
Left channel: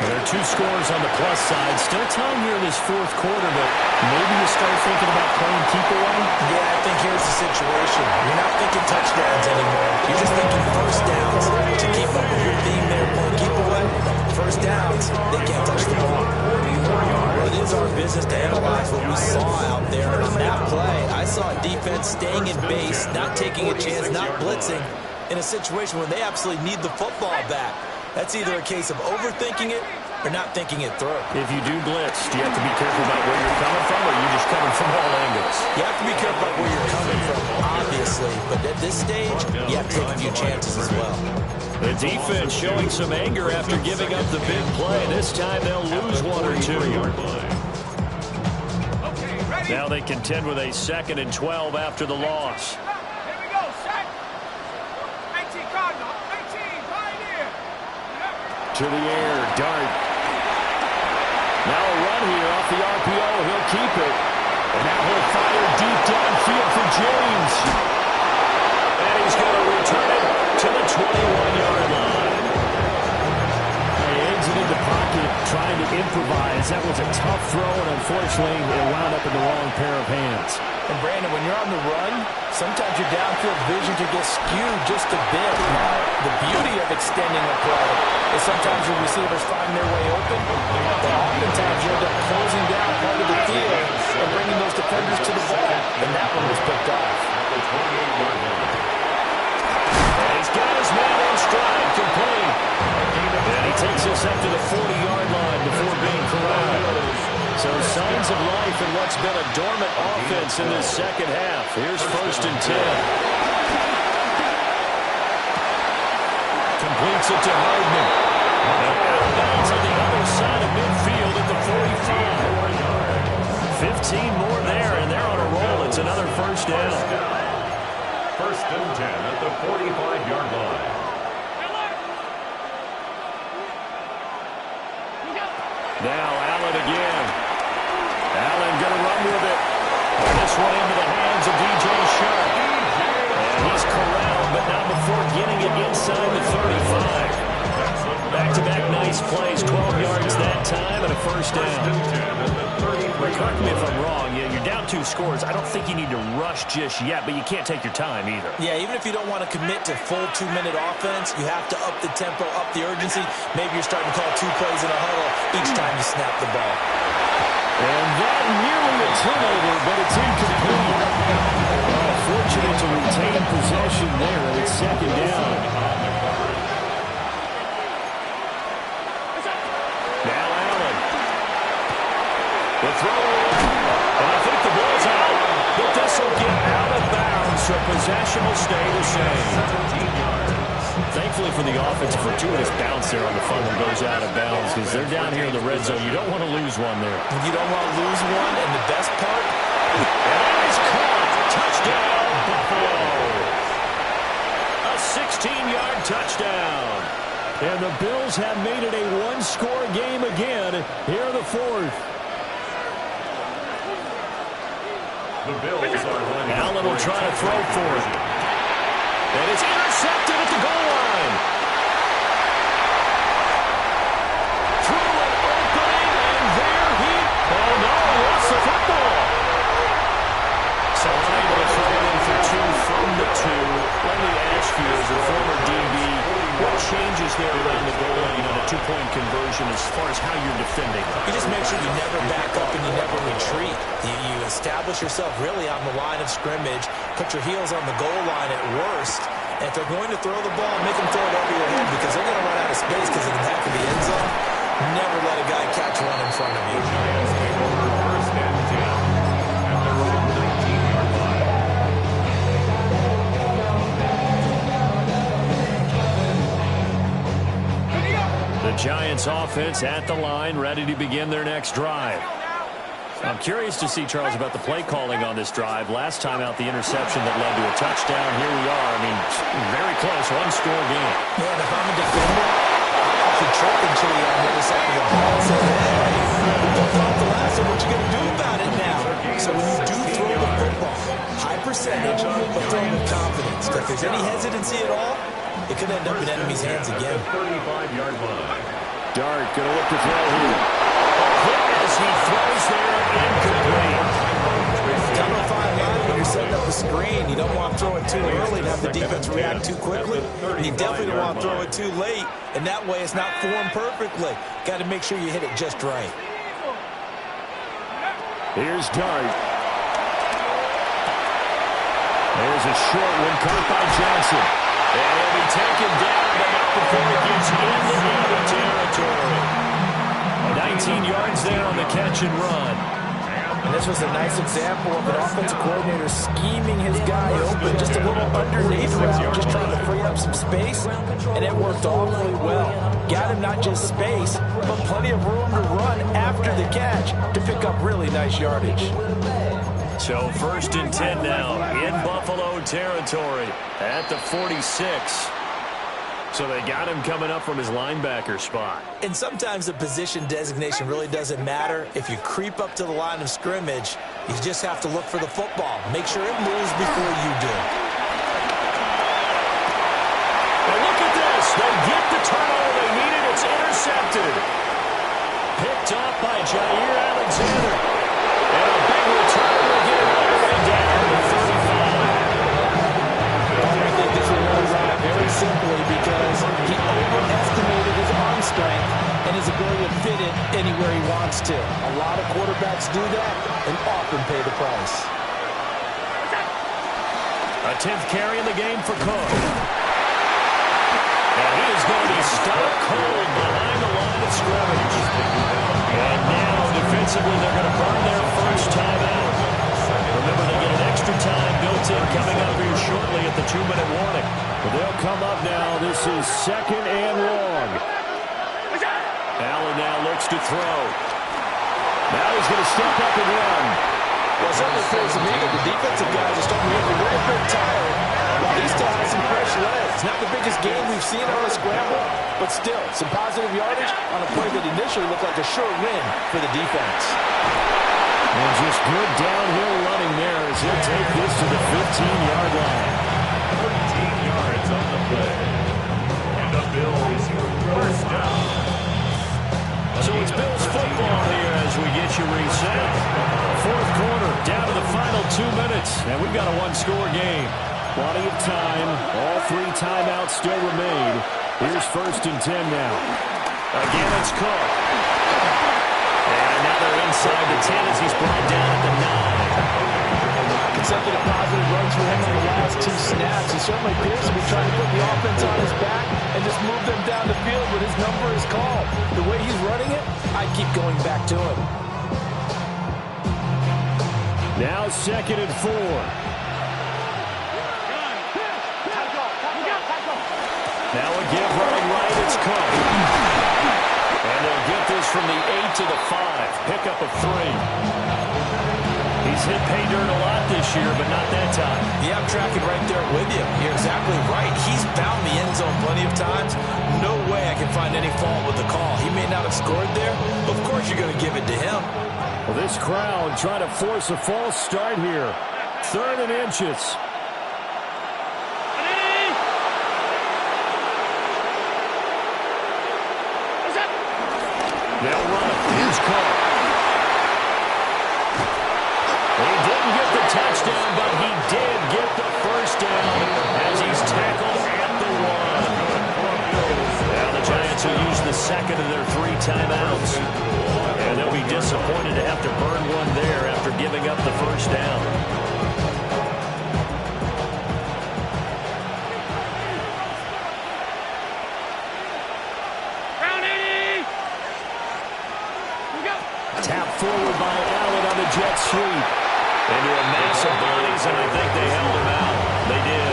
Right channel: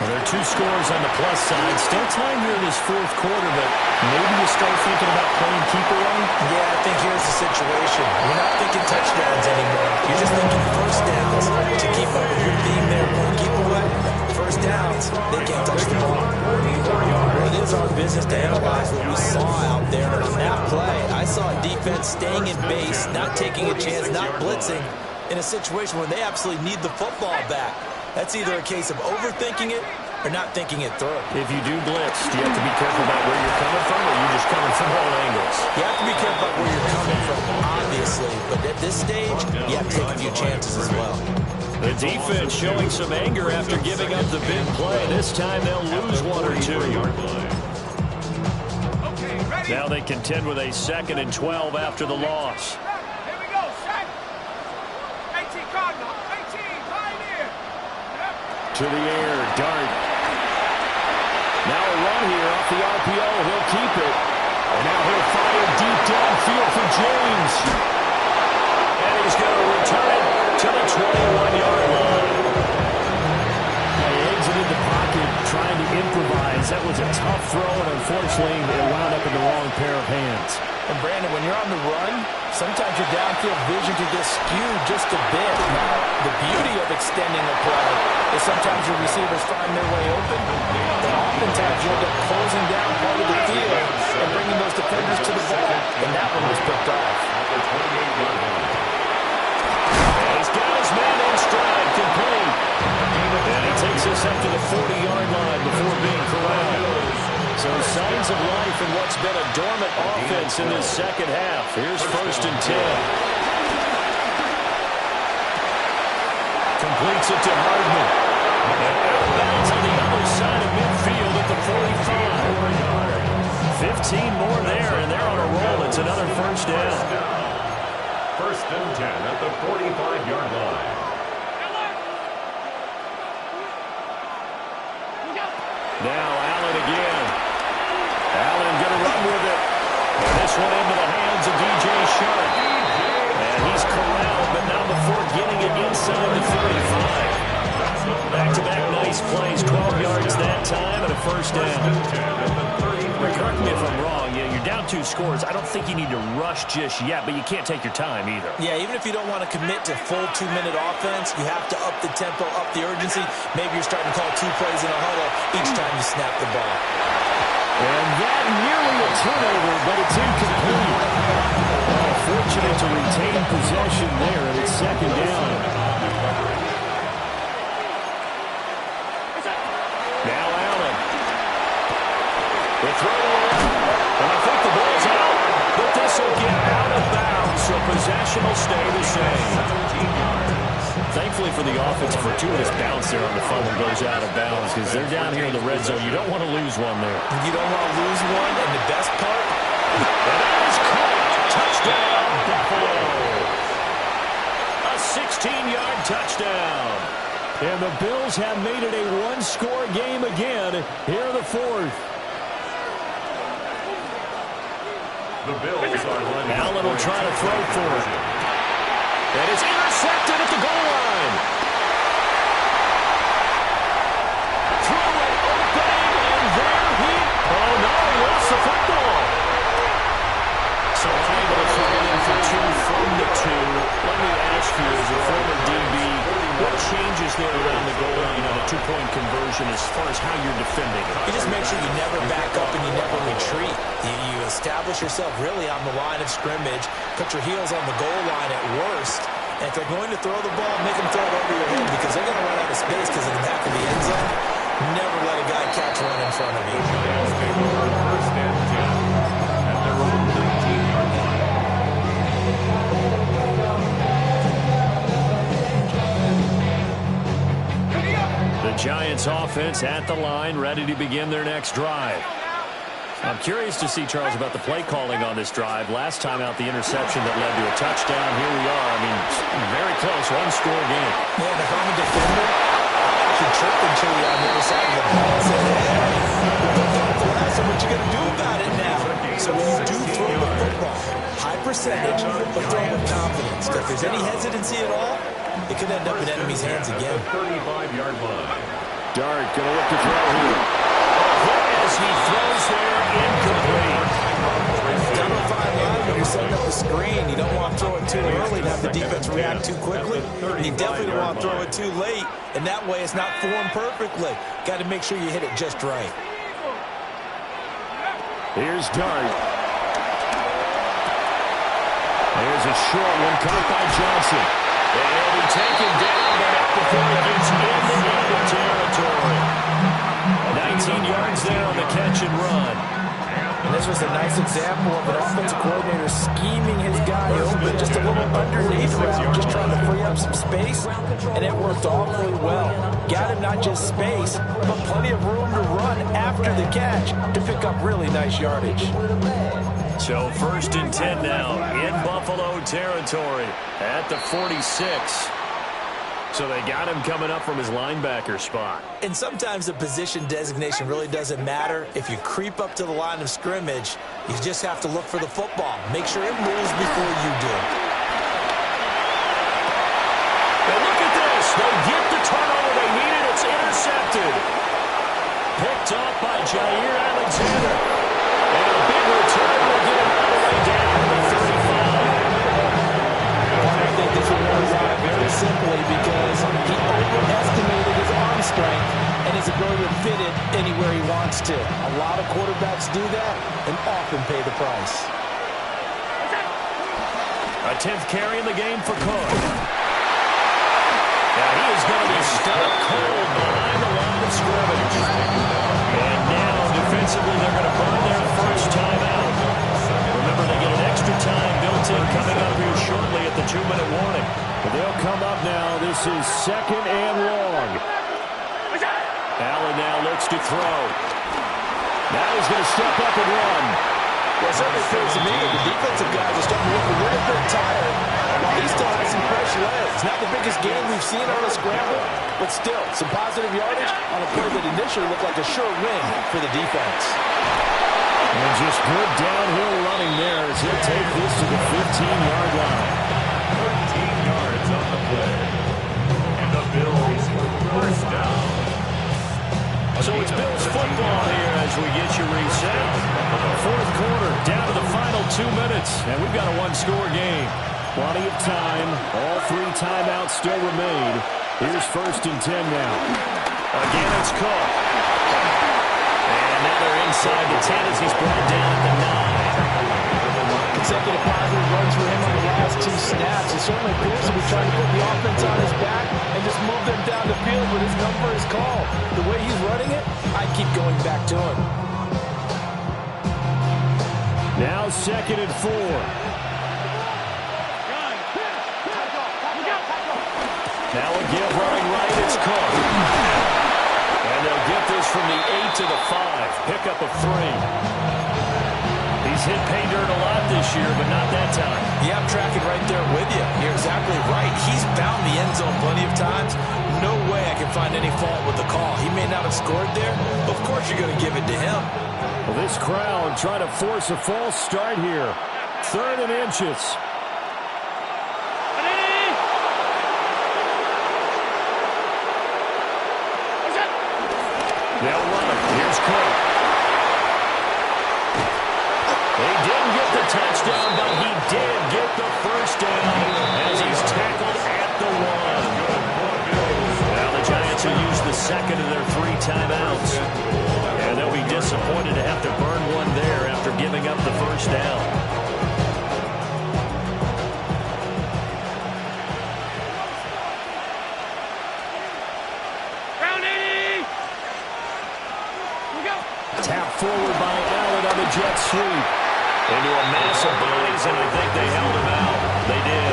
Well, there are 2 scores on the plus side. Still time here in this 4th quarter, but maybe you start thinking about playing keep away? Yeah, I think here's the situation. You're not thinking touchdowns anymore. You're just thinking 1st downs. To keep up with your theme there, playing keep away, 1st downs, they can't touch the ball. Well, it is our business to analyze what we saw out there. And on that play, I saw a defense staying in base, not taking a chance, not blitzing, in a situation where they absolutely need the football back. That's either a case of overthinking it or not thinking it through. If you do blitz, do you have to be careful about where you're coming from, or are you just coming from all angles? You have to be careful about where you're coming from, obviously. But at this stage, you have to take a few chances as well. The defense showing some anger after giving up the big play. This time they'll lose 1 or 2. Now they contend with a 2nd and 12 after the loss. Here we go, set. 18 Cardinal, 18 Pioneer. To the air, Dart. Now a run here off the RPO. He'll keep it. And now he'll fire deep downfield for James. And he's going to return it to the 21-yard line. He exited the pocket trying to improvise. That was a tough throw, and unfortunately, it wound up in the wrong pair of hands. And Brandon, when you're on the run, sometimes your downfield vision can get skewed just a bit. Now, the beauty of extending a play is sometimes your receivers find their way open, but oftentimes you end up closing down part of the field and bringing those defenders to the ball. And that one was picked off. And he's got his man in stride, complete. And he takes us up to the 40-yard line before being corralled. So signs of life in what's been a dormant offense in this 2nd half. Here's 1st and 10. Completes it to Hardman. And out of bounds on the other side of midfield at the 45. 15 more there, and they're on a roll. It's another 1st down. 1st and 10 at the 45-yard line. Now Allen again. Allen going to run with it. And this one into the hands of DJ Sharp. And he's corralled, but not before getting it inside the 35. Back-to-back nice plays, 12 yards that time, and a 1st down. Correct me if I'm wrong. Yeah, you're down 2 scores. I don't think you need to rush just yet, but you can't take your time either. Yeah, even if you don't want to commit to full 2-minute offense, you have to up the tempo, up the urgency. Maybe you're starting to call 2 plays in a huddle each time you snap the ball. And that nearly a turnover, but it's incomplete. Oh, fortunate to retain possession there, and it's second down. Now Allen. The throw to the left, and I think the ball's out, but this will get out of bounds, so possession will stay the same. 17 yards. Thankfully for the offense, a fortuitous bounce there on the fumble goes out of bounds because they're down here in the red zone. You don't want to lose one there. You don't want to lose one, and the best part, and that is caught. Touchdown, Buffalo. A 16-yard touchdown. And the Bills have made it a one-score game again here in the fourth. The Bills are lining up. Allen will try to throw for it. And it's intercepted at the goal line. Throw it opening, and there he... Oh, no, he lost the football. So unable to throw it in for two from the two. Let me ask you, as a former DB, what changes there around the goal line on a two-point conversion as far as how you're defending? you just make sure you never back up and you never retreat. You establish yourself really on the line of scrimmage, put your heels on the goal line at worst, and if they're going to throw the ball, make them throw it over your head because they're going to run out of space because of the back of the end zone. Never let a guy catch one in front of you. The Giants take over first and 10 at their own 19-yard line. The Giants offense at the line, ready to begin their next drive. I'm curious to see, Charles, about the play calling on this drive. Last time out, the interception that led to a touchdown. Here we are. I mean, very close, one-score game. Man, if I'm a defender, I'm actually tripping Chili on the other side of the ball and saying, hey, we picked off the last one. What you going to do about it now? So when you do throw the football, high percentage, but throw with confidence. If there's any hesitancy at all, it could end up in enemy's hands again. 35-yard line. Dart going to look to throw here. Quick as he throws there, incomplete. Down to 5 line when you're setting up the screen. You don't want to throw it too early and have the defense react too quickly. And you definitely don't want to throw it too late, and that way it's not formed perfectly. Got to make sure you hit it just right. Here's Dart. There's a short one caught by Johnson. And he'll be taken down, but not before he gets into enemy territory. 19 yards there on the catch and run. And this was a nice example of an offensive coordinator scheming his guy open, just a little underneath route, just trying to free up some space, and it worked awfully well. Got him not just space, but plenty of room to run after the catch to pick up really nice yardage. So first and 10 now in Buffalo territory at the 46. So they got him coming up from his linebacker spot. And sometimes the position designation really doesn't matter. If you creep up to the line of scrimmage, you just have to look for the football. Make sure it moves before you do. And look at this. They get the turnover they needed. It's intercepted. Picked up by Jair Alexander. And a big return will get it all the way down to the 35. I think this will run right very simply because he overestimated his arm strength and his ability to fit it anywhere he wants to. A lot of quarterbacks do that and often pay the price. A 10th carry in the game for Cook. And he is going to be stuck cold behind the line of scrimmage. And now, defensively, they're going to burn their first timeout. Remember, they get an extra time built in coming up here shortly at the 2-minute warning. But they'll come up now. This is second and long. Allen now looks to throw. Now he's going to step up and run. Well, it certainly appears to me that the defensive guys are starting to look a little bit tired while he still has some fresh legs. Not the biggest game we've seen on a scramble, but still, some positive yardage on a play that initially looked like a sure win for the defense. And just good downhill running there as he'll take this to the 15-yard line. 13 yards on the play. And the Bills first down. So it's Bills football here as we get you reset. Fourth quarter, down to the final 2 minutes, and we've got a one-score game. Plenty of time. All 3 timeouts still remain. Here's first and 10 now. Again, it's Cook. And now they're inside the 10 as he's brought down at the 9. Consecutive positive runs for him on the last 2 snaps. He certainly appears to be trying to put the offense on his back and just move them down the field when his number is called. The way he's running it, I'd keep going back to him. Now 2nd and 4. Now a give running right, it's Cook. And they'll get this from the 8 to the 5. Pickup of 3. He's hit pay dirt a lot this year, but not that time. Yeah, I'm tracking right there with you. You're exactly right. He's found the end zone plenty of times. No way I can find any fault with the call. He may not have scored there, but of course you're going to give it to him. Well, this crowd trying to force a false start here. 3rd and inches. They'll run it. Here's Cook. He didn't get the touchdown, but he did get the first down as he's tackled at the 1. Now the Giants will use the 2nd of their 3 timeouts. And they'll be disappointed to have to burn one there after giving up the first down. Tap forward by Allen on the jet sweep. Into a mass of bodies, and I think they held him out. They did.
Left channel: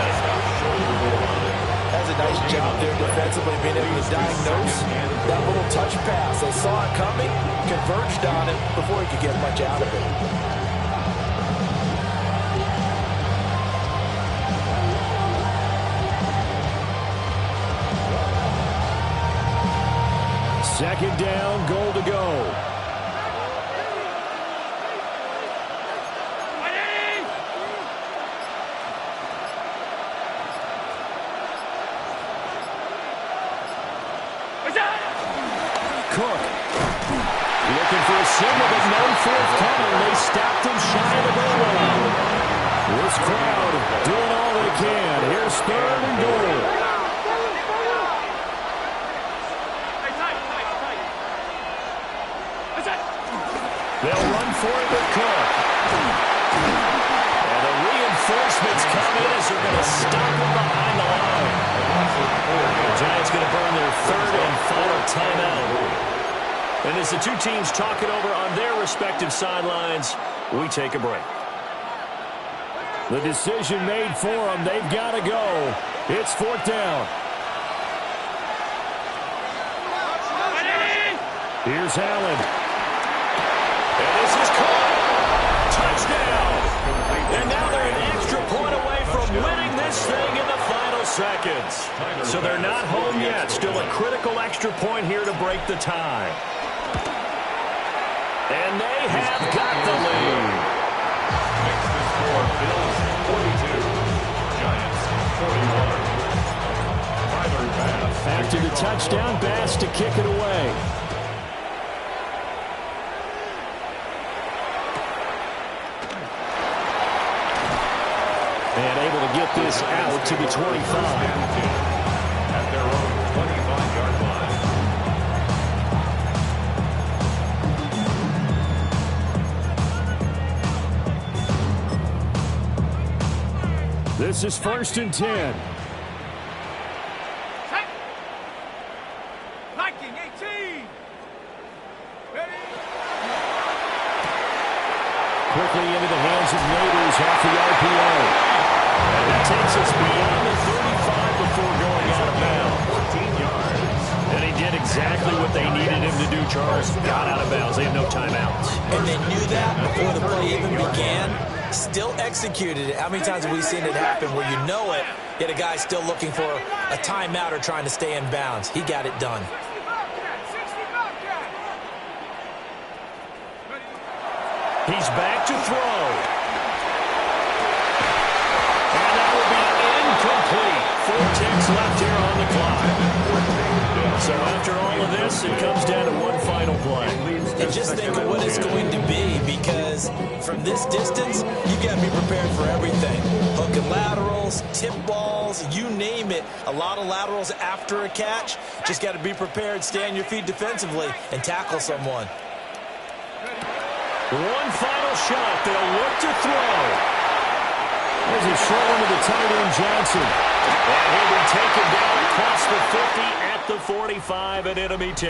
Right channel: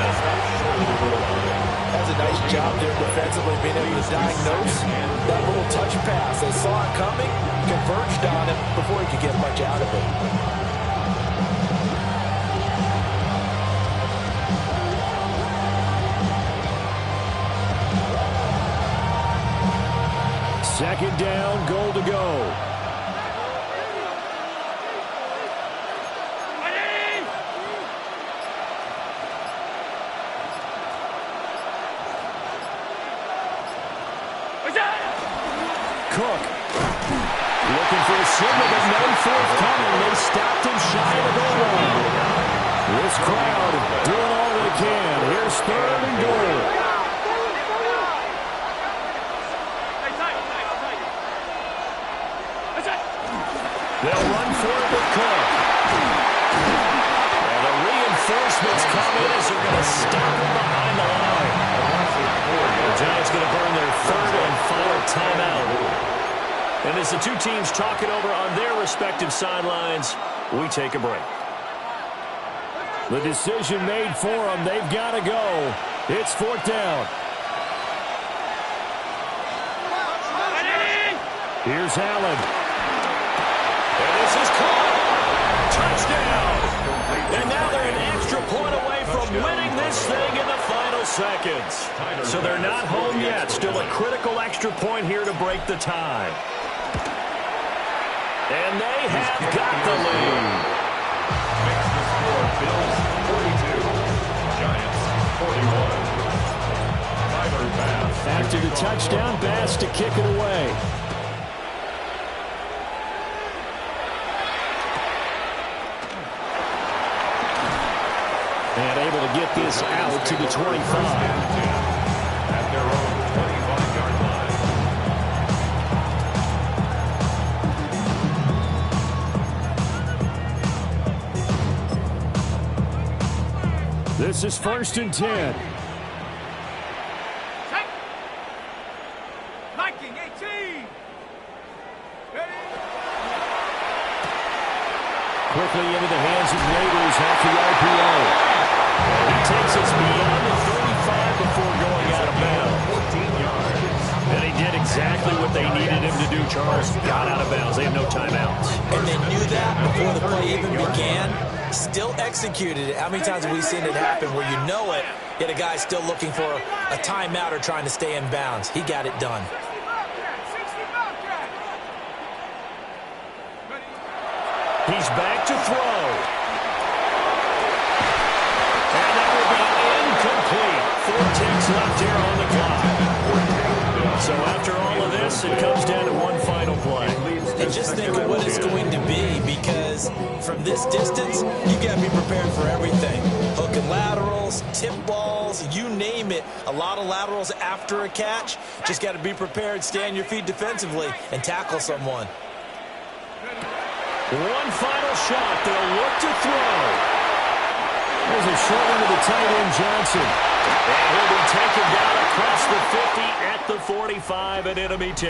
That's a nice job there defensively, being able to diagnose that little touch pass. They saw it coming, converged on it before he could get much out of it. Second down, goal to go. Cook looking for a signal, but none forthcoming. They stopped him shy of the goal line. This crowd doing all they can. Here's 3rd and goal. They'll run for it with Cook. And the reinforcements come in as they're going to stop him behind the line. The Giants going to burn their 3rd and final timeout. And as the 2 teams talk it over on their respective sidelines, we take a break. The decision made for them. They've got to go. It's 4th down. Here's Allen. And this is caught. Touchdown. And now they're an extra point away from winning this thing in the final seconds. So they're not home yet. Still a critical extra point here to break the tie. And they have got the lead. Makes the score Bills 42, Giants 41. Tyler Bass. After the touchdown, Bass to kick it away. And able to get this out to the 25. At their own 25-yard line. This is 1st and 10. Liking 18. Ready? Quickly into the hands of Neighbors off the RPO. And he takes us beyond the 35 before going out of bounds. 14 yards. And he did exactly what they needed him to do, Charles. Got out of bounds. They have no timeouts. And they knew that before the play even began. Still executed it. How many times have we seen it happen where you know it, yet a guy's still looking for a timeout or trying to stay in bounds? He got it done. 60 He's back to throw. And that will be incomplete. 4 ticks left here on the clock. So after all of this, it comes down to one final play. And just think of what it's going to be, because from this distance, you've got to be prepared for everything. Hook and laterals, tip balls, you name it. A lot of laterals after a catch. Just got to be prepared, stay on your feet defensively, and tackle someone. One final shot. They'll look to throw. There's a short one to the tight end, Johnson. And he'll be taken down across the 50 at the 45 at enemy 10.